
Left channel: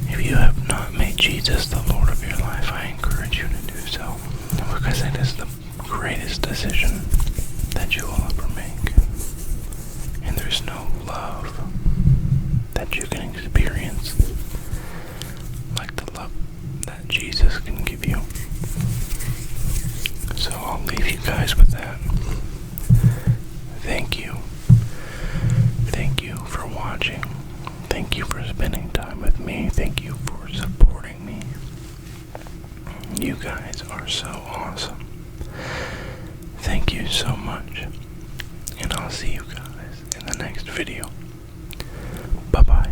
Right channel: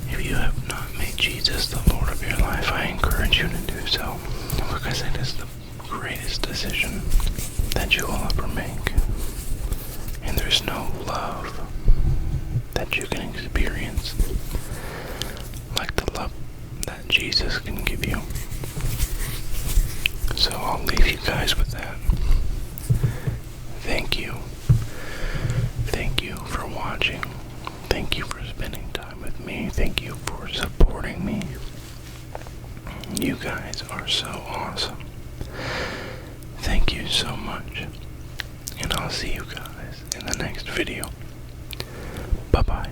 if you have not made Jesus the Lord of your life, I encourage you to do so, because it is the greatest decision that you will ever make. And there's no love that you can experience like the love that Jesus can give you. So I'll leave you guys with that. Thank you. Thank you for watching. Thank you for spending time with me. Thank you for supporting me. You guys are so awesome. Thank you so much. And I'll see you guys in the next video. Bye-bye.